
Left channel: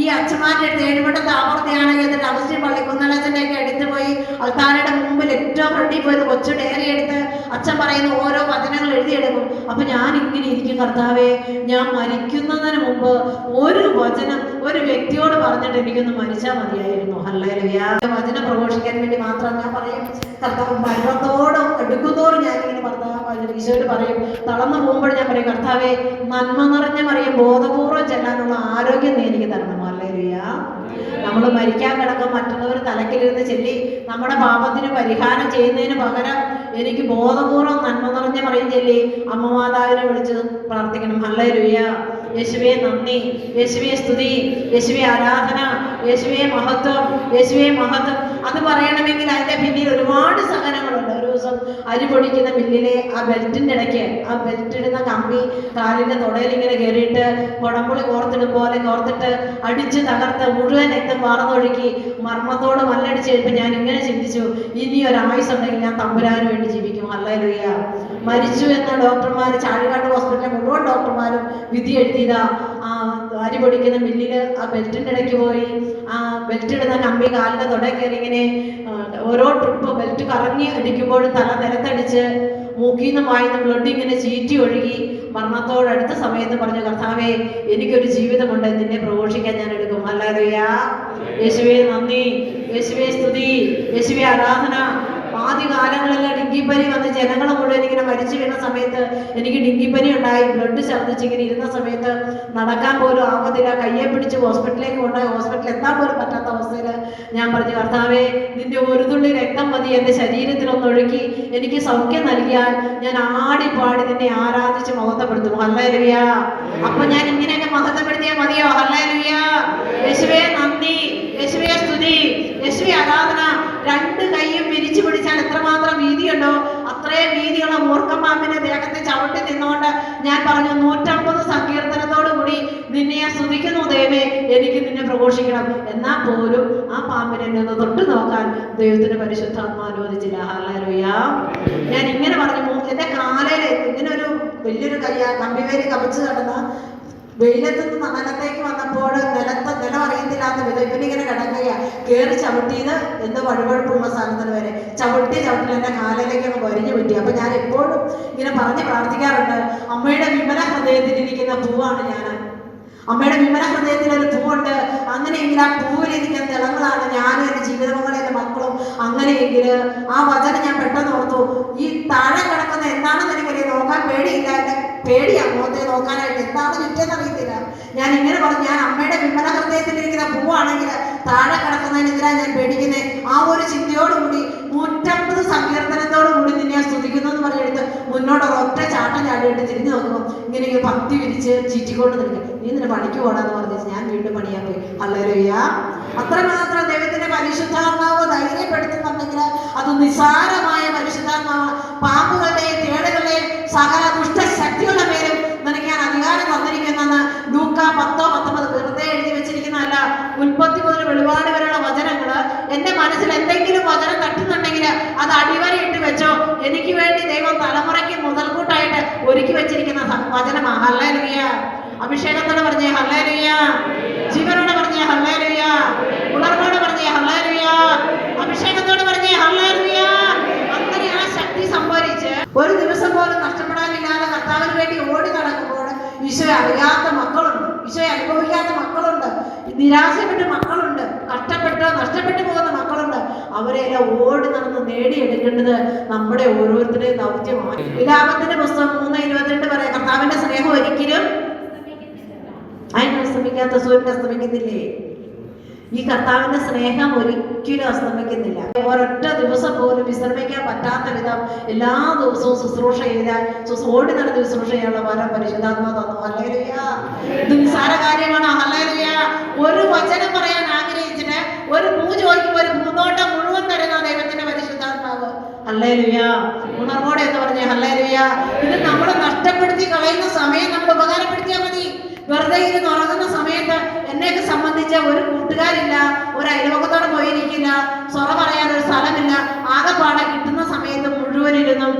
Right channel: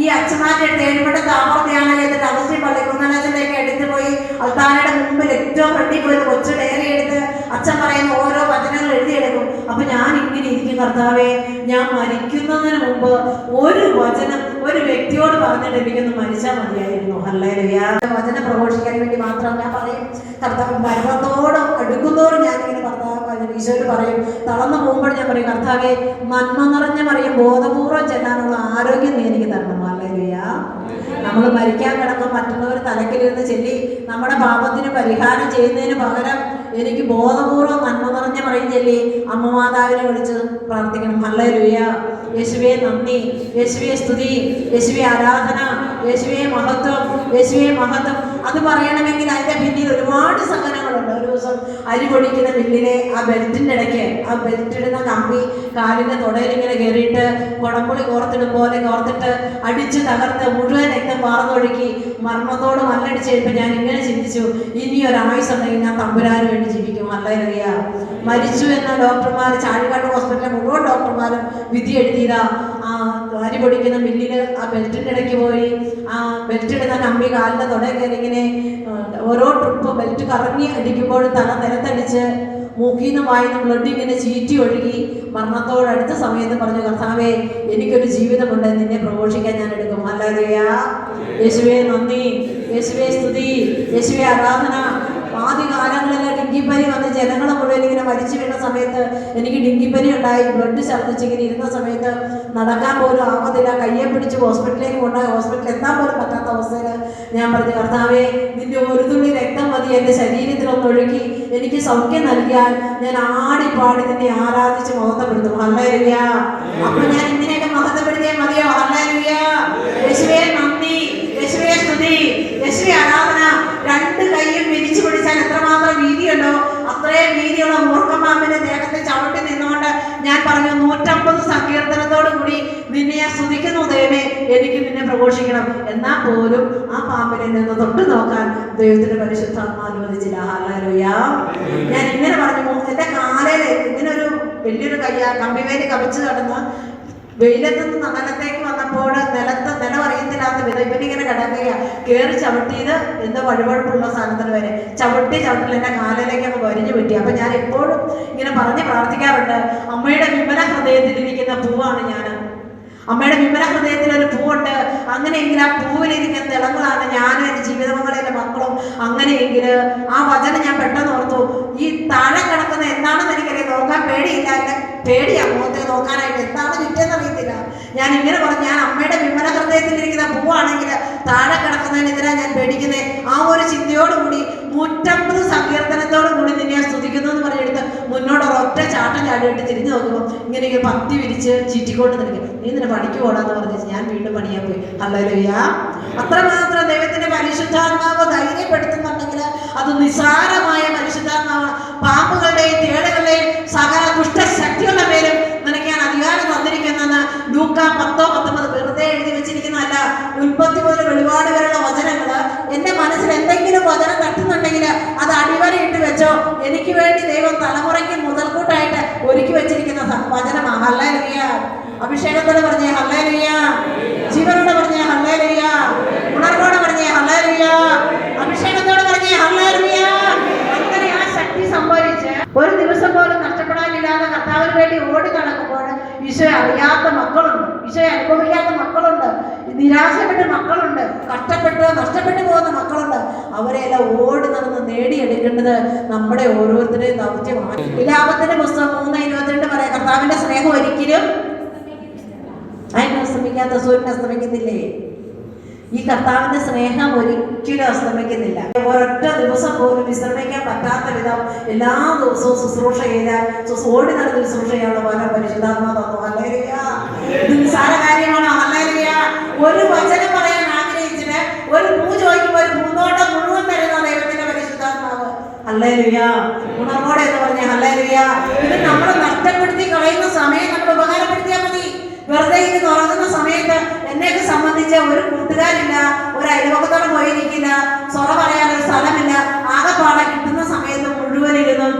ഈ അച്ഛന്മാരുടെ അടുത്ത് ഏഴുപെട്ട താമർത്തിയാണ് ചെയ്തിട്ട് അഗസ്റ്റിൻ പള്ളി കുന്നലച്ചൻ്റെ ഒക്കെ എടുത്ത് പോയി അൾത്താരയുടെ മുമ്പിൽ ഏറ്റവും ഫ്രണ്ടിൽ പോയി കൊച്ചു ഡയറി എടുത്ത് അച്ഛൻ പറയുന്ന ഓരോ വചനങ്ങൾ എഴുതിയെടുക്കും. അപ്പൊ ഞാൻ ഇങ്ങനെ ഇരിക്കും, കർത്താവേ ഞാൻ മരിക്കുന്നതിന് മുമ്പ് ഒരു വചനം ഒരു വ്യക്തിയോട് പറഞ്ഞിട്ട് എനിക്കൊന്ന് മരിച്ചാൽ മതിയായിരുന്നു. ഹല്ലേലൂയ. വചനം പ്രഘോഷിക്കാൻ വേണ്ടി മാത്രം ഞാൻ പറയും, കർത്താവ് മരണത്തോട് എടുക്കുന്നതോറും ഞാനിങ്ങനെ കർത്താവ് ഈശോയോട് പറയും. തളർന്നു പോകുമ്പോൾ ഞാൻ പറയും, കർത്താവേ നന്മ നിറഞ്ഞ പറയും ബോധപൂർവ്വം ചെല്ലാനുള്ള ആരോഗ്യം നീ എനിക്ക് തരണം. ഹല്ലേലൂയ. നമ്മൾ മരിക്കാൻ കിടക്കും, മറ്റുള്ളവർ തലക്കിലിരുന്ന് ചെല്ലി നമ്മുടെ പാപത്തിന് പരിഹാരം ചെയ്യുന്നതിന് പകരം എനിക്ക് ബോധപൂർവ്വം നന്മ നിറഞ്ഞ പറയും ചൊല്ലി അമ്മ മാതാവിനെ വിളിച്ച് പ്രാർത്ഥിക്കണം. ഹല്ലേലൂയ. യേശുവേ നന്ദി, യേശുവേ സ്തുതി, യേശുവേ ആരാധന, യേശുവേ മഹത്വം, യേശുവേ മഹത്വം. അത് പറയണമെങ്കിൽ അതിന്റെ പിന്നിൽ ഒരുപാട് സഹനങ്ങളുണ്ട്. ഒരു ദിവസം അരി പൊടിക്കുന്ന മില്ലിലെ ആ ബെൽറ്റിന്റെ ഇടയ്ക്ക് ആ ബെൽറ്റ് ഇടുന്ന കമ്പി കാലിന്റെ തുടയിൽ ഇങ്ങനെ കയറിയിട്ട് കുടംപുളി കോർത്തിടും പോലെ കോർത്തിട്ട് അടിച്ച് തകർത്ത് മുഴുവൻ രക്തം വാർന്നൊഴുക്കി മർമ്മത്തോട് മല്ലടിച്ച് കഴിയുമ്പോൾ ഞാൻ ഇങ്ങനെ ചിന്തിച്ചു, ഇനി ഒരായുസ് ഉണ്ടെങ്കിൽ ഞാൻ തമ്പുരാന് വേണ്ടി ജീവിക്കും. ഹല്ലേലൂയ. മരിച്ചു എന്ന ഡോക്ടർമാർ, ചാഴികാട് ഹോസ്പിറ്റലിലെ മുഴുവൻ ഡോക്ടർമാരും വിധി എഴുതിയതാ. ആ അരി പൊടിക്കുന്ന മില്ലിൽ ആ ബെൽറ്റിൻ്റെ ഇടയ്ക്ക് പോയി ആ ബെൽറ്റ് ഇടുന്ന കമ്പി കാലിൻ്റെ തുടയിൽ കയറി ഇങ്ങനെ ഓരോ ട്രിപ്പ് ബെൽറ്റ് കറങ്ങി അടിക്കുമ്പോഴും തല നിലത്തടിച്ച് മൂക്കിന്ന് വായിന്ന് ബ്ലഡ് ഇങ്ങനെ ചീറ്റി ഒഴുകി മരണത്തോടടുത്ത സമയത്ത് പറഞ്ഞു, കർത്താവേ എനിക്കൊരു ജീവിതമുണ്ട്, നിന്നെ പ്രഘോഷിക്കാൻ ഞാൻ എടുക്കും. ഹല്ലേലൂയ. യേശുവേ നന്ദി, യേശുവേ സ്തുതി, യേശുവേ ആരാധന. ആദ്യ കാലങ്ങളിലെ ഡെങ്കിപ്പനി വന്ന് ജനങ്ങൾ മുഴുവൻ ഇങ്ങനെ മരിച്ചു വീണ സമയത്ത് എനിക്ക് ഡെങ്കിപ്പനി ഉണ്ടായി. ബ്ലഡ് ഛർദ്ദിച്ച് ഇങ്ങനെ ഇരുന്ന സമയത്ത് നടക്കാൻ പോലും ആവതില്ല. കയ്യെ പിടിച്ച് ഹോസ്പിറ്റലിലേക്ക് കൊണ്ടുപോയി. ഹോസ്പിറ്റലിൽ എത്താൻ പോലും പറ്റാത്ത അവസ്ഥയിൽ ഞാൻ പറഞ്ഞു, കർത്താവേ, നിന്റെ ഒരു തുള്ളി രക്തം മതി എൻ്റെ ശരീരത്തിലൊന്നൊഴുകി എനിക്ക് സൗഖ്യം നൽകിയാൽ ഞാൻ ആടിപ്പാടി നിന്നെ ആരാധിച്ച് മഹത്വപ്പെടുത്തും. ഹല്ലേലൂയ. അപ്പൊ ഞാൻ ഇങ്ങനെയൊക്കെ മഹത്വപ്പെടുത്തിയാൽ മതിയോ? ഹല്ലേലൂയ. യേശുവേ നന്ദി, യേശുവേ സ്തുതി, യേശുവേ ആരാധന. രണ്ട് കൈയും വിരിച്ചു പിടിച്ചാൽ എത്രമാത്രം വീതിയുണ്ടോ അത്രയും വീതിയുള്ള മൂർഖമാവിന്റെ ദേഹത്തെ ചവിട്ടി നിന്നുകൊണ്ട് ഞാൻ പറഞ്ഞു, 150 സങ്കീർത്തനത്തോടു കൂടി നിന്നെ ഞാൻ സ്തുതിക്കുന്നു ദൈവമേ, എനിക്ക് നിന്നെ പ്രഘോഷിക്കണം. എന്നാൽ പോലും ആ പാമ്പിനെ നിന്ന് തൊട്ടു നോക്കാൻ ദൈവത്തിന്റെ പരിശുദ്ധാത്മാ അനുവദിച്ചില്ല. ഹല്ലേലൂയ. ഞാൻ ഇങ്ങനെ പറഞ്ഞു, എന്റെ കാലയിൽ ഇങ്ങനെ ഒരു വലിയൊരു കമ്പിവേലി കവിച്ച് കിടന്ന വെയിലത്തുനിന്ന് നിലത്തേക്ക് വന്നപ്പോൾ നിലം അറിയത്തില്ലാത്ത വിധം ഇവനിങ്ങനെ കിടക്കുക. കയറി ചവിട്ടിയത് എന്തോ വഴുവഴുപ്പുള്ള സ്ഥലത്തിന് വരെ ചവിട്ടിൽ എൻ്റെ കാലിലേക്ക് അങ്ങ് വരിഞ്ഞു പറ്റി. അപ്പൊ ഞാൻ എപ്പോഴും ഇങ്ങനെ പറഞ്ഞ് പ്രാർത്ഥിക്കാറുണ്ട്, അമ്മയുടെ വിമല ഹൃദയത്തിലിരിക്കുന്ന പൂവാണ് ഞാൻ. അമ്മയുടെ വിമല ഹൃദയത്തിൽ ഒരു പൂവുണ്ട്. അങ്ങനെയെങ്കിൽ ആ പൂവിലിരിക്കുന്ന തിളങ്ങളാണ് ഞാനും എൻ്റെ ജീവിതമംഗളും എൻ്റെ മക്കളും. അങ്ങനെയെങ്കിൽ ആ വചനം ഞാൻ പെട്ടെന്ന് ഓർത്തു, ഈ താഴെ കിടക്കുന്ന എന്താണെന്ന് എനിക്കറിയാം, നോക്കാൻ പേടിയില്ല. പേടിയാ മുഖത്തെ നോക്കാനായിട്ട്, എന്താണ് ചുറ്റെന്ന് അറിയത്തില്ല. ഞാൻ ഇങ്ങനെ പറഞ്ഞു, ഞാൻ അമ്മയുടെ വിമല ഹൃദയത്തിലിരിക്കുന്ന പൂവാണെങ്കിൽ താഴെ കിടക്കുന്നതിനെതിരാ ഞാൻ പേടിക്കുന്നത്. ആ ഒരു ചിന്തയോടുകൂടി 150 സങ്കീർത്തനത്തോടുകൂടി നിന്നെ സ്തുതിക്കുന്നു എന്ന് പറഞ്ഞെടുത്ത് മുന്നോട്ട് ഒറ്റ ചാട്ടം ചാടിയിട്ട് തിരിഞ്ഞു നോക്കുമ്പോൾ ഇങ്ങനെ പത്തി വിരിച്ച് ചീറ്റിക്കൊണ്ട് നിൽക്കും. നീ നിന്നെ പണിക്ക് പോടാന്ന് പറഞ്ഞു. ഞാൻ വീണ്ടും പണിയാൻ പോയി. ഹല്ലേലൂയ. അത്രമാത്രം ദൈവത്തിന്റെ പരിശുദ്ധാത്മാവ് ധൈര്യപ്പെടുത്തുന്നുണ്ടെങ്കിൽ അത് നിസ്സാരമായ പരിശുദ്ധാത്മാവ്. പാമ്പുകളുടെയും തേളുകളുടെയും സകല ദുഷ്ടശക്തികളുടെ പേരും നിനക്ക് ഞാൻ അധികാരം തന്നിരിക്കുന്നെന്ന് ലൂക്കാ 10:19 വെറുതെ എഴുതി വെച്ചിരിക്കുന്നതല്ല. ഉൽപ്പത്തി മുതൽ വെളിപാട് വരെയുള്ള വചനങ്ങൾ എന്റെ മനസ്സിൽ എന്തെങ്കിലും വചനം തട്ടുന്നുണ്ടെങ്കിൽ അത് അടിവരയിട്ട് വെച്ചോ. എനിക്ക് വേണ്ടി ദൈവം തലമുറയ്ക്ക് മുതൽക്കൂട്ടായിട്ട് ഒരുക്കി വെച്ചിരിക്കുന്ന വചനമാണ്. ഹല്ലേലൂയ. അഭിഷേകത്തോടെ പറഞ്ഞേ ഹല്ലേലൂയ. ജീവനോടെ പറഞ്ഞേ ഹല്ലേലൂയ. ഉണർവോടെ പറഞ്ഞേ ഹല്ലേലൂയ. അഭിഷേകത്തോടെ പറഞ്ഞേ ഹല്ലേലൂയ. അങ്ങനെ ആ ശക്തി സംഭരിച്ച് ഒരു ദിവസം പോലും നഷ്ടപ്പെടാനില്ലാതെ കർത്താവിന് വേണ്ടി ഓടി നടക്കുമ്പോൾ ഈശോയെ അറിയാത്ത മക്കളുണ്ട്, ഈശോയെ അനുഭവിക്കാത്ത മക്കളുണ്ട്, നിരാശപ്പെട്ട മക്കളുണ്ട്, കഷ്ടപ്പെട്ട് നഷ്ടപ്പെട്ടു പോകുന്ന മക്കളുണ്ട്. അവരെല്ലാം ഓടി നടന്ന് നേടിയെടുക്കേണ്ടത് നമ്മുടെ ഓരോരുത്തരുടെയും ദൗത്യമാണ്. വിലാപത്തിന്റെ പുസ്തകം 3:22 പറയാം, കർത്താവിന്റെ സ്നേഹം ഒരിക്കലും അതിന് അസ്തമിക്കാത്ത സൂര്യൻ അസ്തമിക്കുന്നില്ലേ? ഈ കർത്താവിന്റെ സ്നേഹം ഒരിക്കലും അസ്തമിക്കുന്നില്ല. ഒരൊറ്റ ദിവസം പോലും വിശ്രമിക്കാൻ പറ്റാത്ത വിധം എല്ലാ ദിവസവും ശുശ്രൂഷ ചെയ്താൽ ഓടി നടന്ന് ശുശ്രൂഷ ചെയ്യാനുള്ള പോലെ പരിശുദ്ധാത്മാ തന്നു. ഹല്ലേലൂയ. ഇത് നിസ്സാര കാര്യമാണ്. ഹല്ലേലൂയ. ഒരു വചനം പറയാൻ ആഗ്രഹിച്ചിട്ട് ഒരു പൂ ചോദിക്കുമ്പോൾ ഒരു പൂന്തോട്ടം മുഴുവൻ തരുന്ന ദൈവത്തിന്റെ പരിശുദ്ധാത്മാവ്. ഹല്ലേലൂയ. ഉണർവോടെ എന്ന് പറഞ്ഞ ഹല്ലേലൂയ. ഇത് നമ്മൾ നഷ്ടപ്പെടുത്തി കളയുന്ന സമയം നമ്മൾ ഉപകാരപ്പെടുത്തിയാൽ മതി. വെറുതെ ഇരുന്ന് ഉറങ്ങുന്ന സമയത്ത് എന്നെയൊക്കെ സംബന്ധിച്ച് ഒരു കൂട്ടുകാരില്ല, ഒരു അയൽവക്കത്തോടെ പോയിരിക്കില്ല, സൊറ പറയാൻ ഒരു സ്ഥലമില്ല. ആകെപ്പാടെ കിട്ടുന്ന സമയത്ത് മുഴുവനിരുന്നും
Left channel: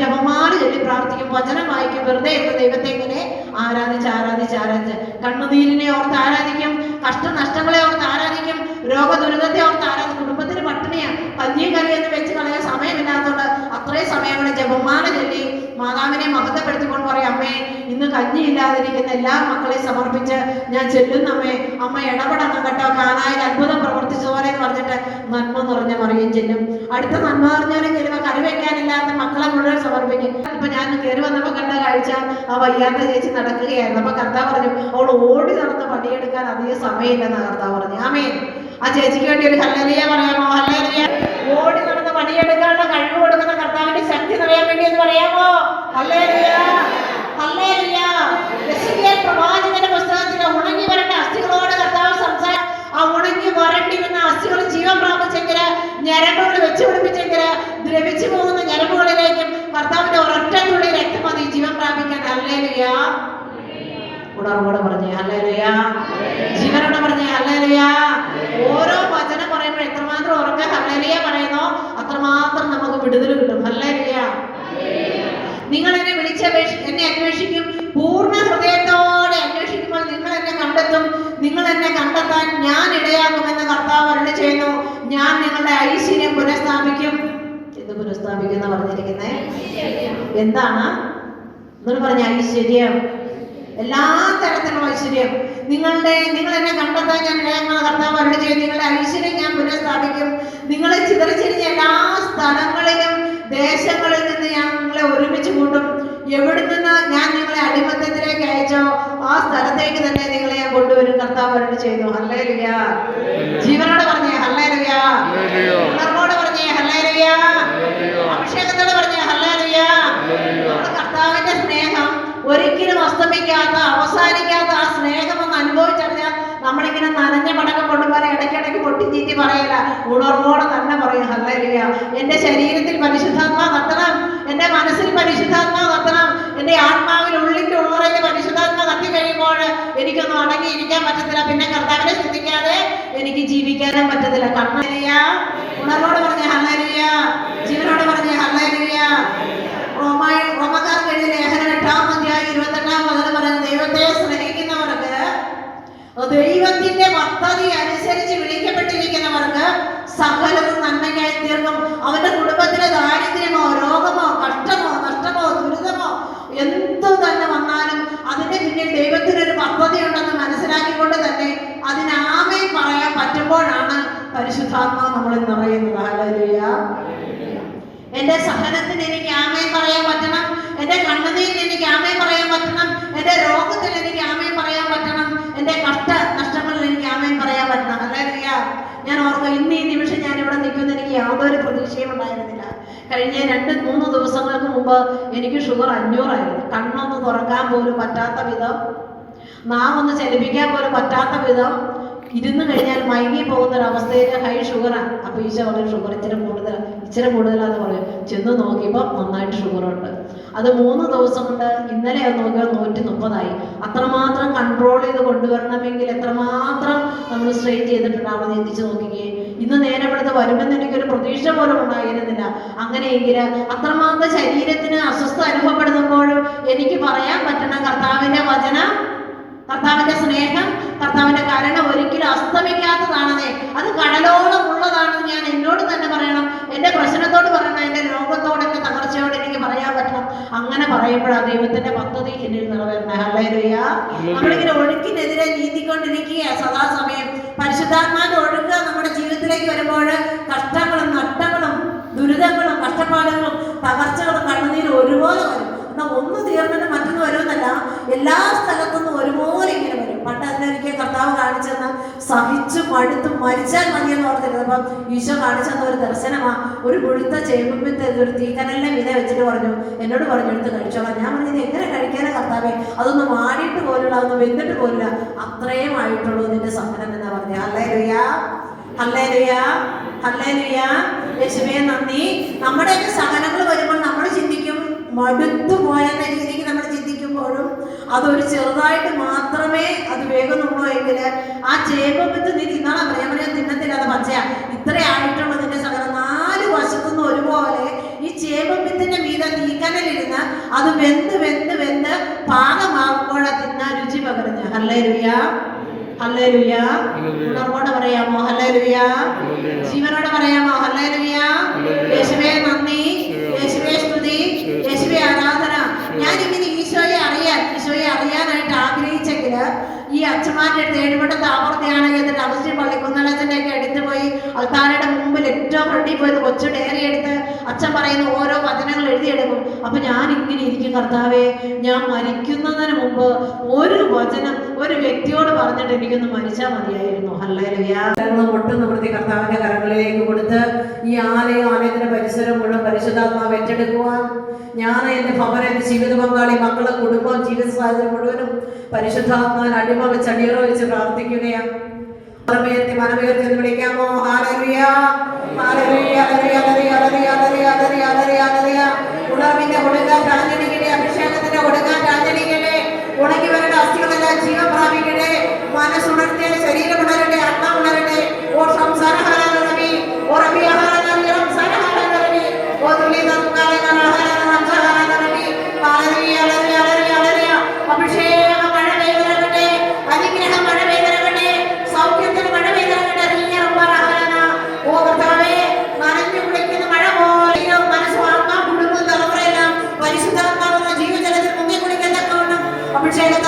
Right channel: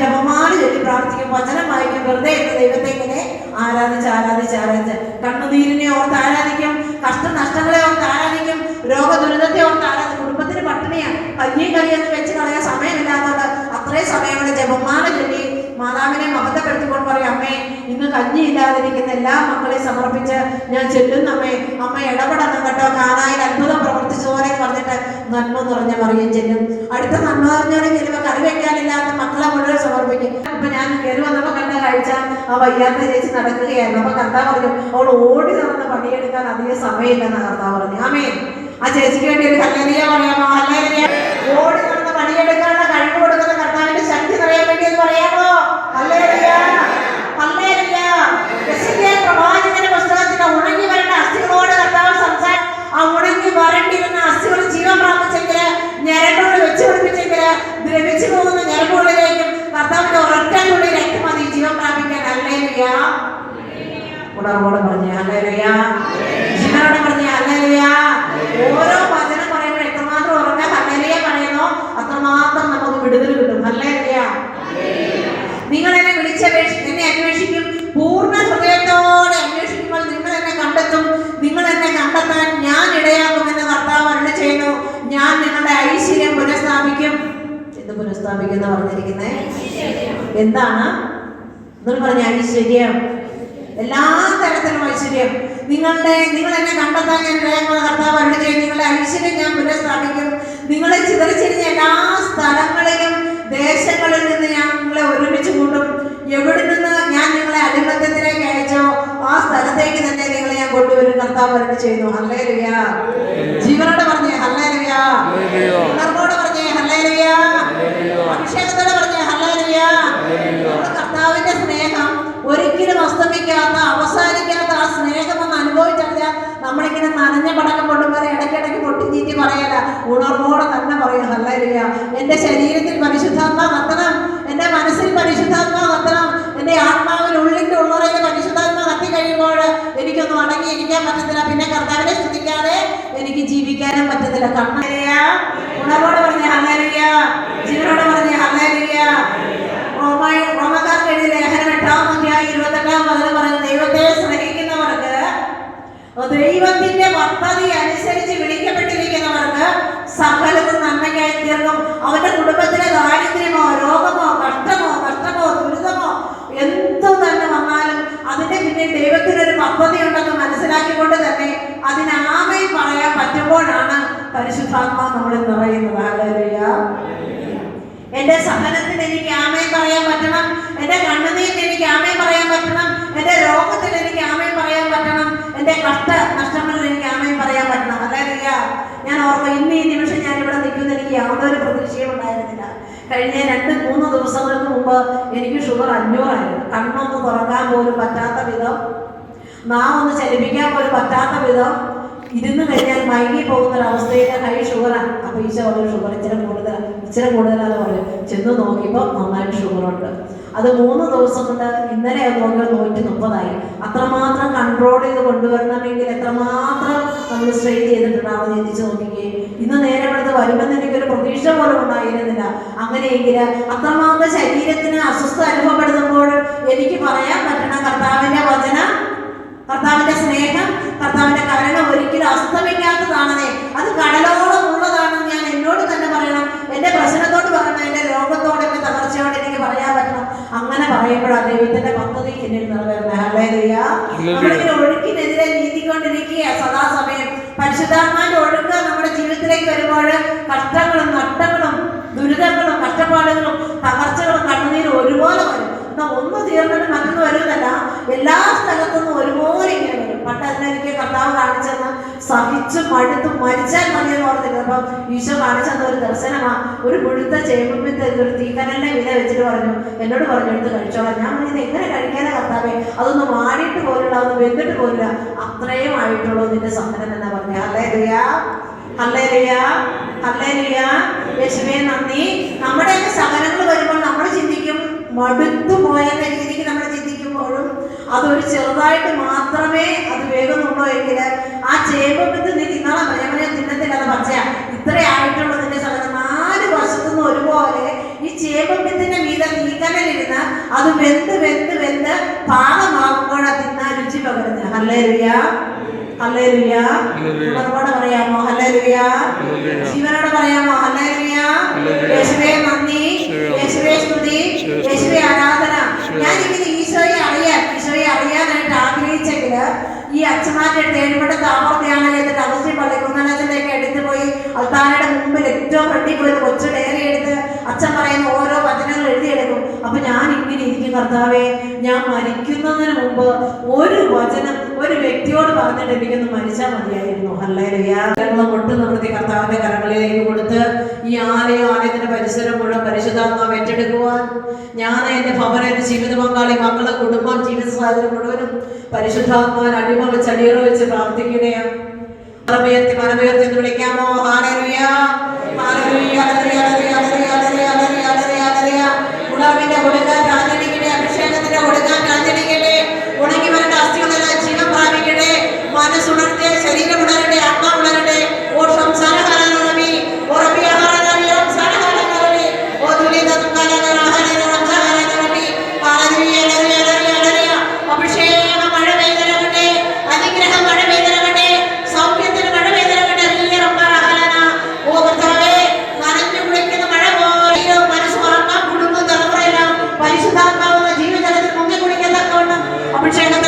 ജപമാല ചൊല്ലി പ്രാർത്ഥിക്കും, വചനം വായിക്കും. വെറുതെ ഇരുന്ന് ദൈവത്തെ ഇങ്ങനെ ആരാധിച്ച് കണ്ണുനീരിനെ ഓർത്ത് ആരാധിക്കും, കഷ്ടനഷ്ടങ്ങളെ ഓർത്ത് ആരാധിക്കും, രോഗദുരിതത്തെ ഓർത്ത് ആരാധിക്കും. കുടുംബത്തിന് പട്ടിണിയാണ്, കഞ്ഞിയും കറിയൊന്നും വെച്ച് കളയാൻ സമയമില്ലാത്തതുകൊണ്ട് അത്രയും സമയം കൂടെ ജപമാല ചൊല്ലി മാതാവിനെ മഹത്വപ്പെടുത്തിക്കൊണ്ട് പറയും, അമ്മേ ഇന്ന് കഞ്ഞി ഇല്ലാതിരിക്കുന്ന എല്ലാ മക്കളെയും സമർപ്പിച്ച് ഞാൻ ചെല്ലുന്നമ്മേ, അമ്മ ഇടപെടണം കേട്ടോ, കാനായിൽ അത്ഭുതം പ്രവർത്തിച്ചതുപോലെ എന്ന് പറഞ്ഞിട്ട് നന്മ നിറഞ്ഞ മറിയും ചെല്ലും. അടുത്ത നന്മ നിറഞ്ഞവരെ ചെല്ലുമ്പോൾ കറി വെക്കാനില്ലാത്ത മക്കളെ മുഴുവൻ സമർപ്പിക്കും. ഇപ്പൊ ഞാൻ കയറി വന്നപ്പോ കണ്ട കാഴ്ച, ആ വയ്യാത്ത ചേച്ചി നടക്കുകയായിരുന്നു. അപ്പൊ കർത്താവ് പറഞ്ഞു, അവൾ ഓടി നടന്ന് പണിയെടുക്കാൻ അധികം സമയമില്ലെന്ന് കർത്താവ് പറഞ്ഞു. ആമേൻ. ആ ചേച്ചിക്ക് വേണ്ടി ഒരു ഹല്ലേലൂയ പറയാമോ? ഹല്ലേലൂയ. ഓടി നടന്ന് പണിയെടുക്കാനുള്ള കഴിവ് കൊടുക്കുന്ന കർത്താവിന്റെ ശക്തി നിറയാൻ വേണ്ടി എന്ന് പറയാമോ? ഹല്ലേലൂയ. ഹല്ലേലൂയ. യെശയ്യാ പ്രവാചകന്റെ പുസ്തകത്തിൽ ഉണങ്ങി വരേണ്ട അസ്ഥികളോട് കർത്താവ് സംസാരിച്ചു. ആ ഉണങ്ങി വരണ്ടിരുന്ന അസ്ഥികൾ ജീവൻ പ്രാപിച്ചെങ്കിൽ, ഞരമ്പുകൾ വെച്ച് പിടിപ്പിച്ചെങ്കിൽ, ദ്രവിച്ചു പോകുന്ന ഞരമ്പുകളിലേക്കും കർത്താവിന്റെ ഒരൊറ്റ തുള്ളി രക്തം മതി ജീവൻ പ്രാപിക്കാൻ. ഹല്ലേലൂയ. ഉണർവോടെ പറഞ്ഞേ ഹല്ലേലൂയ. ജീവനോടെ പറഞ്ഞേ ഹല്ലേലൂയ. ഓരോ വചനം പറയുമ്പോൾ എത്രമാത്രം ഉറക്കെ ഹല്ലേലൂയ പറയുന്നോ അത്രമാത്രം നമുക്ക് വിടുതൽ കിട്ടും. ഹല്ലേലൂയ. നിങ്ങൾ എന്നെ എന്നെ അന്വേഷിക്കും, പൂർണ്ണ ഹൃദയത്തോടെ അന്വേഷിക്കുമ്പോൾ നിങ്ങൾ എന്നെ കണ്ടെത്തും. നിങ്ങൾ എന്നെ കണ്ടെത്താൻ ഞാൻ ഇടയാക്കുമെന്ന് കർത്താവ് അരുളി ചെയ്യുന്നു. ഞാൻ നിങ്ങളുടെ ഐശ്വര്യം പുനഃസ്ഥാപിക്കും. എന്ത് പുനഃസ്ഥാപിക്കുന്ന പറഞ്ഞിരിക്കുന്നേ? എന്താണ് നിങ്ങൾ പറഞ്ഞ ഐശ്വര്യം? എല്ലാ തരത്തിലുള്ള ഐശ്വര്യം. നിങ്ങൾ എന്നെ കണ്ടെത്താൻ ഞാൻ ഇടയാക്കുമെന്ന് കർത്താവ് അരുളി ചെയ്യും. നിങ്ങളുടെ ഐശ്വര്യം ഞാൻ പുനഃസ്ഥാപിക്കും. നിങ്ങളെ ചിതറിച്ചിരിഞ്ഞ എല്ലാ സ്ഥലങ്ങളിലും ദേശങ്ങളിൽ നിന്ന് ഞങ്ങളെ ഒരുമിച്ച് കൂട്ടും. എവിടെ നിന്ന് ഞാൻ നിങ്ങളെ അടിമത്തത്തിലേക്ക് അയച്ചോ ആ സ്ഥലത്തേക്ക് തന്നെ നിങ്ങളെ ഞാൻ കൊണ്ടുവരും. കർത്താവ് വരട്ട് ചെയ്യുന്നു. ഹല്ലേലൂയ. ജീവനോട് പറഞ്ഞേ ഹല്ലേലൂയ. ഉണർവോട് പറഞ്ഞേ ഹല്ലേലൂയ. അഭിഷേകത്തോട് പറഞ്ഞേ ഹല്ലേലൂയ. കർത്താവിന്റെ സ്നേഹം ഒരിക്കലും അസ്തമിക്കാത്ത അവസാനിക്കാത്ത ആ സ്നേഹം ഒന്ന് അനുഭവിച്ചറിയാൻ നമ്മളിങ്ങനെ നനഞ്ഞ പടക്കം കൊണ്ടുപോലെ ഇടയ്ക്കിടയ്ക്ക് പൊട്ടിച്ചീറ്റി പറയല, ഉണർവോടെ തന്നെ പറയും ഹല്ലേലൂയ. എൻ്റെ ശരീരത്തിൽ പരിശുദ്ധാത്മാ കത്തണം, എൻ്റെ മനസ്സിൽ പരിശുദ്ധാത്മാ കത്തണം, എൻ്റെ ആത്മാവിൽ ഉള്ളിൻ്റെ ഉള്ളറയിൽ പരിശുദ്ധാത്മാ കത്തി കഴിയുമ്പോൾ എനിക്കൊന്നും അടങ്ങിയിരിക്കാൻ പറ്റത്തില്ല. പിന്നെ കർത്താവിനെ സ്തുതിക്കാതെ എനിക്ക് ജീവിക്കാനും പറ്റത്തില്ല. ഹല്ലേലൂയ. ഉണർവോടെ പറഞ്ഞ ഹല്ലേലൂയ. ജീവനോടെ പറഞ്ഞ ഹല്ലേലൂയ. റോമക്കാർക്ക് എഴുതിയ ലേഖനം 8-ാം അധ്യായം 28-ാം വചനം പറയുന്നത്, ദൈവത്തെ സ്നേഹിക്കുന്നവർക്ക്, ദൈവത്തിന്റെ പദ്ധതി അനുസരിച്ച് വിളിക്കപ്പെട്ടിരിക്കുന്നവർക്ക് സകലവും നന്മയ്ക്കായി തീർക്കും. അവന്റെ കുടുംബത്തിലെ ദാരിദ്ര്യമോ രോഗമോ കഷ്ടമോ നഷ്ടമോ ദുരിതമോ എന്തു തന്നെ വന്നാലും അതിന്റെ പിന്നിൽ ദൈവത്തിനൊരു പദ്ധതി ഉണ്ടെന്ന് മനസ്സിലാക്കിക്കൊണ്ട് തന്നെ അതിന് ആമേൻ പറയാൻ പറ്റുമ്പോഴാണ് പരിശുദ്ധാത്മാവ് നമ്മളിൽ നിറയുന്നത്. ഹല്ലേലൂയ. എന്റെ സഹനത്തിന് എനിക്ക് ആമേൻ പറയാൻ പറ്റണം, എന്റെ കണ്ണുനീരിന് എനിക്ക് ആമേൻ പറയാൻ പറ്റണം, എന്റെ രോഗത്തിന് എനിക്ക് ആമേൻ പറയാൻ പറ്റണം, എന്റെ നഷ്ടങ്ങളിൽ എനിക്ക് ആമേൻ പറയാൻ പറ്റണം. ഹല്ലേലൂയ. ഞാൻ ഓർക്കും, ഇന്ന് ഈ നിമിഷം ഞാൻ ഇവിടെ നിൽക്കുന്ന എനിക്ക് യാതൊരു പ്രതീക്ഷയും ഉണ്ടായിരുന്നില്ല. കഴിഞ്ഞ 2-3 ദിവസങ്ങൾക്ക് മുമ്പ് എനിക്ക് ഷുഗർ 500 ആയിരുന്നു. കണ്ണൊന്ന് തുറക്കാൻ പോലും പറ്റാത്ത വിധം, നാമൊന്ന് ചലിപ്പിക്കാൻ പോലും പറ്റാത്ത വിധം, ഇരുന്ന് കഴിഞ്ഞാൽ മയങ്ങി പോകുന്നൊരവസ്ഥയിൽ ഹൈ ഷുഗറാണ്. അപ്പോൾ ഈശോ വളരെ ഷുഗർ ഇച്ചിരി കൂടുതലാന്ന് പറയും. ചെന്ന് നോക്കിയപ്പോൾ നന്നായിട്ട് ഷുഗറുണ്ട്. അത് 3 ദിവസം കൊണ്ട് ഇന്നലെ അത് നോക്കിയാൽ 130 അത്രമാത്രം കൺട്രോൾ ചെയ്ത് കൊണ്ടുവരണമെങ്കിൽ എത്രമാത്രം നമ്മൾ സ്ട്രെയിൻ ചെയ്തിട്ടുണ്ടാവും ചിന്തിച്ച് നോക്കിക്കേ. ഇന്ന് നേരെ ഇവിടുത്തെ വരുമെന്ന് എനിക്കൊരു പ്രതീക്ഷ പോലും ഉണ്ടായിരുന്നില്ല. അങ്ങനെയെങ്കിൽ അത്രമാത്രം ശരീരത്തിന് അസ്വസ്ഥ അനുഭവപ്പെടുമ്പോൾ എനിക്ക് പറയാൻ പറ്റണം, കർത്താവിൻ്റെ വചനം, കർത്താവിന്റെ സ്നേഹം, കർത്താവിന്റെ കരുണ ഒരിക്കലും അസ്തമിക്കാത്തതാണെന്നേ. അത് കടലോളം ഉള്ളതാണെന്ന് ഞാൻ എന്നോട് തന്നെ പറയണം, എന്റെ പ്രശ്നത്തോട് പറയണം, എന്റെ രോഗത്തോട്, എന്റെ തകർച്ചയോട് എനിക്ക് പറയാൻ പറ്റണം. അങ്ങനെ പറയുമ്പോഴാണ് ദൈവത്തിന്റെ പദ്ധതി എന്നിൽ നിറവേറണം. ഹല്ലേലൂയ. നമ്മളിങ്ങനെ ഒഴുക്കിനെതിരെ നീന്തിക്കൊണ്ടിരിക്കുക സദാസമയം. പരിശുദ്ധാത്മാവിന്റെ ഒഴുക്ക് നമ്മുടെ ജീവിതത്തിലേക്ക് വരുമ്പോൾ കഷ്ടങ്ങളും നഷ്ടങ്ങളും ദുരിതങ്ങളും കഷ്ടപ്പാടുകളും തകർച്ചകളും കണ്ണുനീരും ഒരുപോലെ വരും. എന്നാൽ ഒന്ന് തീർന്നിട്ട് മറ്റൊന്ന് വരുമെന്നല്ല, എല്ലാ സ്ഥലത്തുനിന്നും ഒരുപോലെ ഇങ്ങനെ വരും. പണ്ട് അതിനെനിക്ക് കർത്താവ് കാണിച്ചെന്ന് സഹിച്ചു മടുത്ത് മരിച്ചാൽ മതിയെന്ന് ഓർത്തിരുന്നത്. അപ്പം ഈശോ കാണിച്ചെന്ന ഒരു ദർശനമാ, ഒരു മുഴുത്ത ചേമ്പുമ്പിത്തെ ഒരു തീക്കനലിനെ വില വെച്ചിട്ട് എന്നോട് പറഞ്ഞു എടുത്ത് കഴിച്ചോളാം. ഞാൻ പറഞ്ഞത് എങ്ങനെ കഴിക്കാനാ കർത്താവേ, അതൊന്ന് മാടിയിട്ട് പോലുള്ള, അതൊന്ന് വെന്തിട്ട് പോലില്ല, അത്രയും ആയിട്ടുള്ളൂ നിന്റെ സഹനം എന്നാ പറഞ്ഞു. ഹല്ലേലൂയ. ഹല്ലേലൂയ. ഹല്ലേലൂയ. യേശുവേ നന്ദി. നമ്മുടെയൊക്കെ സഹനങ്ങൾ വരുമ്പോൾ നമ്മൾ ചിന്തിക്കും മടുത്തു പോയെന്ന രീതിക്ക് നമ്മൾ ചിന്തിക്കുമ്പോഴും അതൊരു ചെറുതായിട്ട് മാത്രമേ അത് വേഗമുള്ളൂ എങ്കിൽ ആ ചേമ്പത്ത് നീ തിന്നണം. പറയാൻ തിന്നത്തില്ല, അത് പച്ചയാ, ഇത്രയായിട്ടുള്ളതിന്റെ സഹനം 4 വശത്തുനിന്ന് ഒരുപോലെ ഈ ചേമ്പത്തിന്റെ മീതെ തീക്കനലിരുന്ന് അത് വെന്ത് വെന്ത് വെന്ത് പാകമാകുമ്പോഴാ തിന്നാൻ രുചി പകരുന്നത്. ഹല്ലേലൂയ. ഹല്ലേലൂയ. ഉണർവോടെ പറയാമോ ഹല്ലേലൂയ? ജീവനോടെ പറയാമോ ഹല്ലേലൂയ? യേശുവേ നന്ദി, യേശുവേ സ്തുതി, യേശുവേ ആരാധന. ഞാനിങ്ങനെ ഈശോയെ അറിയാനായിട്ട് ആഗ്രഹിച്ചെങ്കിൽ ഈ അച്ഛന്മാരുടെ അടുത്ത് ഏഴുപട താമർത്തിയാണ് എന്നിട്ട് അഗസ്റ്റിൻ പള്ളി കുന്നലച്ചൻ്റെ ഒക്കെ എടുത്ത് പോയി അൽത്താരയുടെ മുമ്പിൽ ഏറ്റവും ഫ്രണ്ടിൽ പോയി കൊച്ചു ഡയറി എടുത്ത് അച്ഛൻ പറയുന്ന ഓരോ വചനങ്ങൾ എഴുതിയെടുക്കും. അപ്പൊ ഞാൻ ഇങ്ങനെ ഇരിക്കും, കർത്താവേ, ഞാൻ മരിക്കുന്നതിന് മുമ്പ് ഒരു വചനം ഒരു വ്യക്തിയോട് പറഞ്ഞിട്ട് എനിക്കൊന്ന് മരിച്ചാൽ മതിയായിരുന്നു. ഹല്ലേലൂയ. ഒട്ടും നിവൃത്തി കർത്താവിന്റെ കരങ്ങളിലേക്ക് കൊടുത്ത് ഈ ആലയത്തിന്റെ പരിസരം മുഴുവൻ പരിശുദ്ധാത്മാവ് ഏറ്റെടുക്കുവാൻ ഞാൻ, എന്റെ ഭവനം, എന്റെ ജീവിത പങ്കാളി, മക്കളെ, കുടുംബം, ജീവിത സാഹചര്യം മുഴുവനും പരിശുദ്ധാത്മാവിന് അടിമ വെച്ച് അടിയറ വെച്ച് പ്രാർത്ഥിക്കുകയാണ്. മനമുയർത്തി എന്ന് വിളിക്കാമോ? ഹല്ലേലൂയ. ഹല്ലേലൂയ. ഹല്ലേലൂയ. ഹല്ലേലൂയ. ഹല്ലേലൂയ. ഹല്ലേലൂയ. ഹല്ലേലൂയ. ഉണർവിന്റെ കൊടുക്കാൻ ആചരിക്കട്ടെ, അഭിഷേകത്തിന്റെ കൊടുക്കാൻ ആചരിക്കട്ടെ. ഉണങ്ങി വരേണ്ട അസ്ഥികളെല്ലാം ജീവൻ പ്രാപിക്കട്ടെ. മനസ്സുണർത്തിയ ശരീരം ഉണരട്ടെ, ആത്മാവ് ഉണരട്ടെ. ഓ സംസാരഹാരമി ഓർമ്മിയാഹാരമി സംസാരഹാരമി ഓ തുല്യതകാലകരാഹാരമി. ഹല്ലേലൂയ. ഹല്ലേലൂയ. ഹല്ലേലൂയ. അഭിഷേക മഴ പെയ്തിറങ്ങട്ടെ, അനുഗ്രഹ മഴ പെയ്തിറങ്ങട്ടെ, സൗഖ്യത്തിന് മഴ പെയ്തിറങ്ങട്ടെ. ഓ കർത്താവേ, നനഞ്ഞു കുളിക്കുന്ന മഴ പോലെ മനസ്സും ആത്മാ കുടുംബം തലമുറയെല്ലാം പരിശുദ്ധാത്മാവുന്ന ജീവജലത്തിൽ മുങ്ങി കുളിക്കത്തക്കവണ്ണം അഭിഷേകം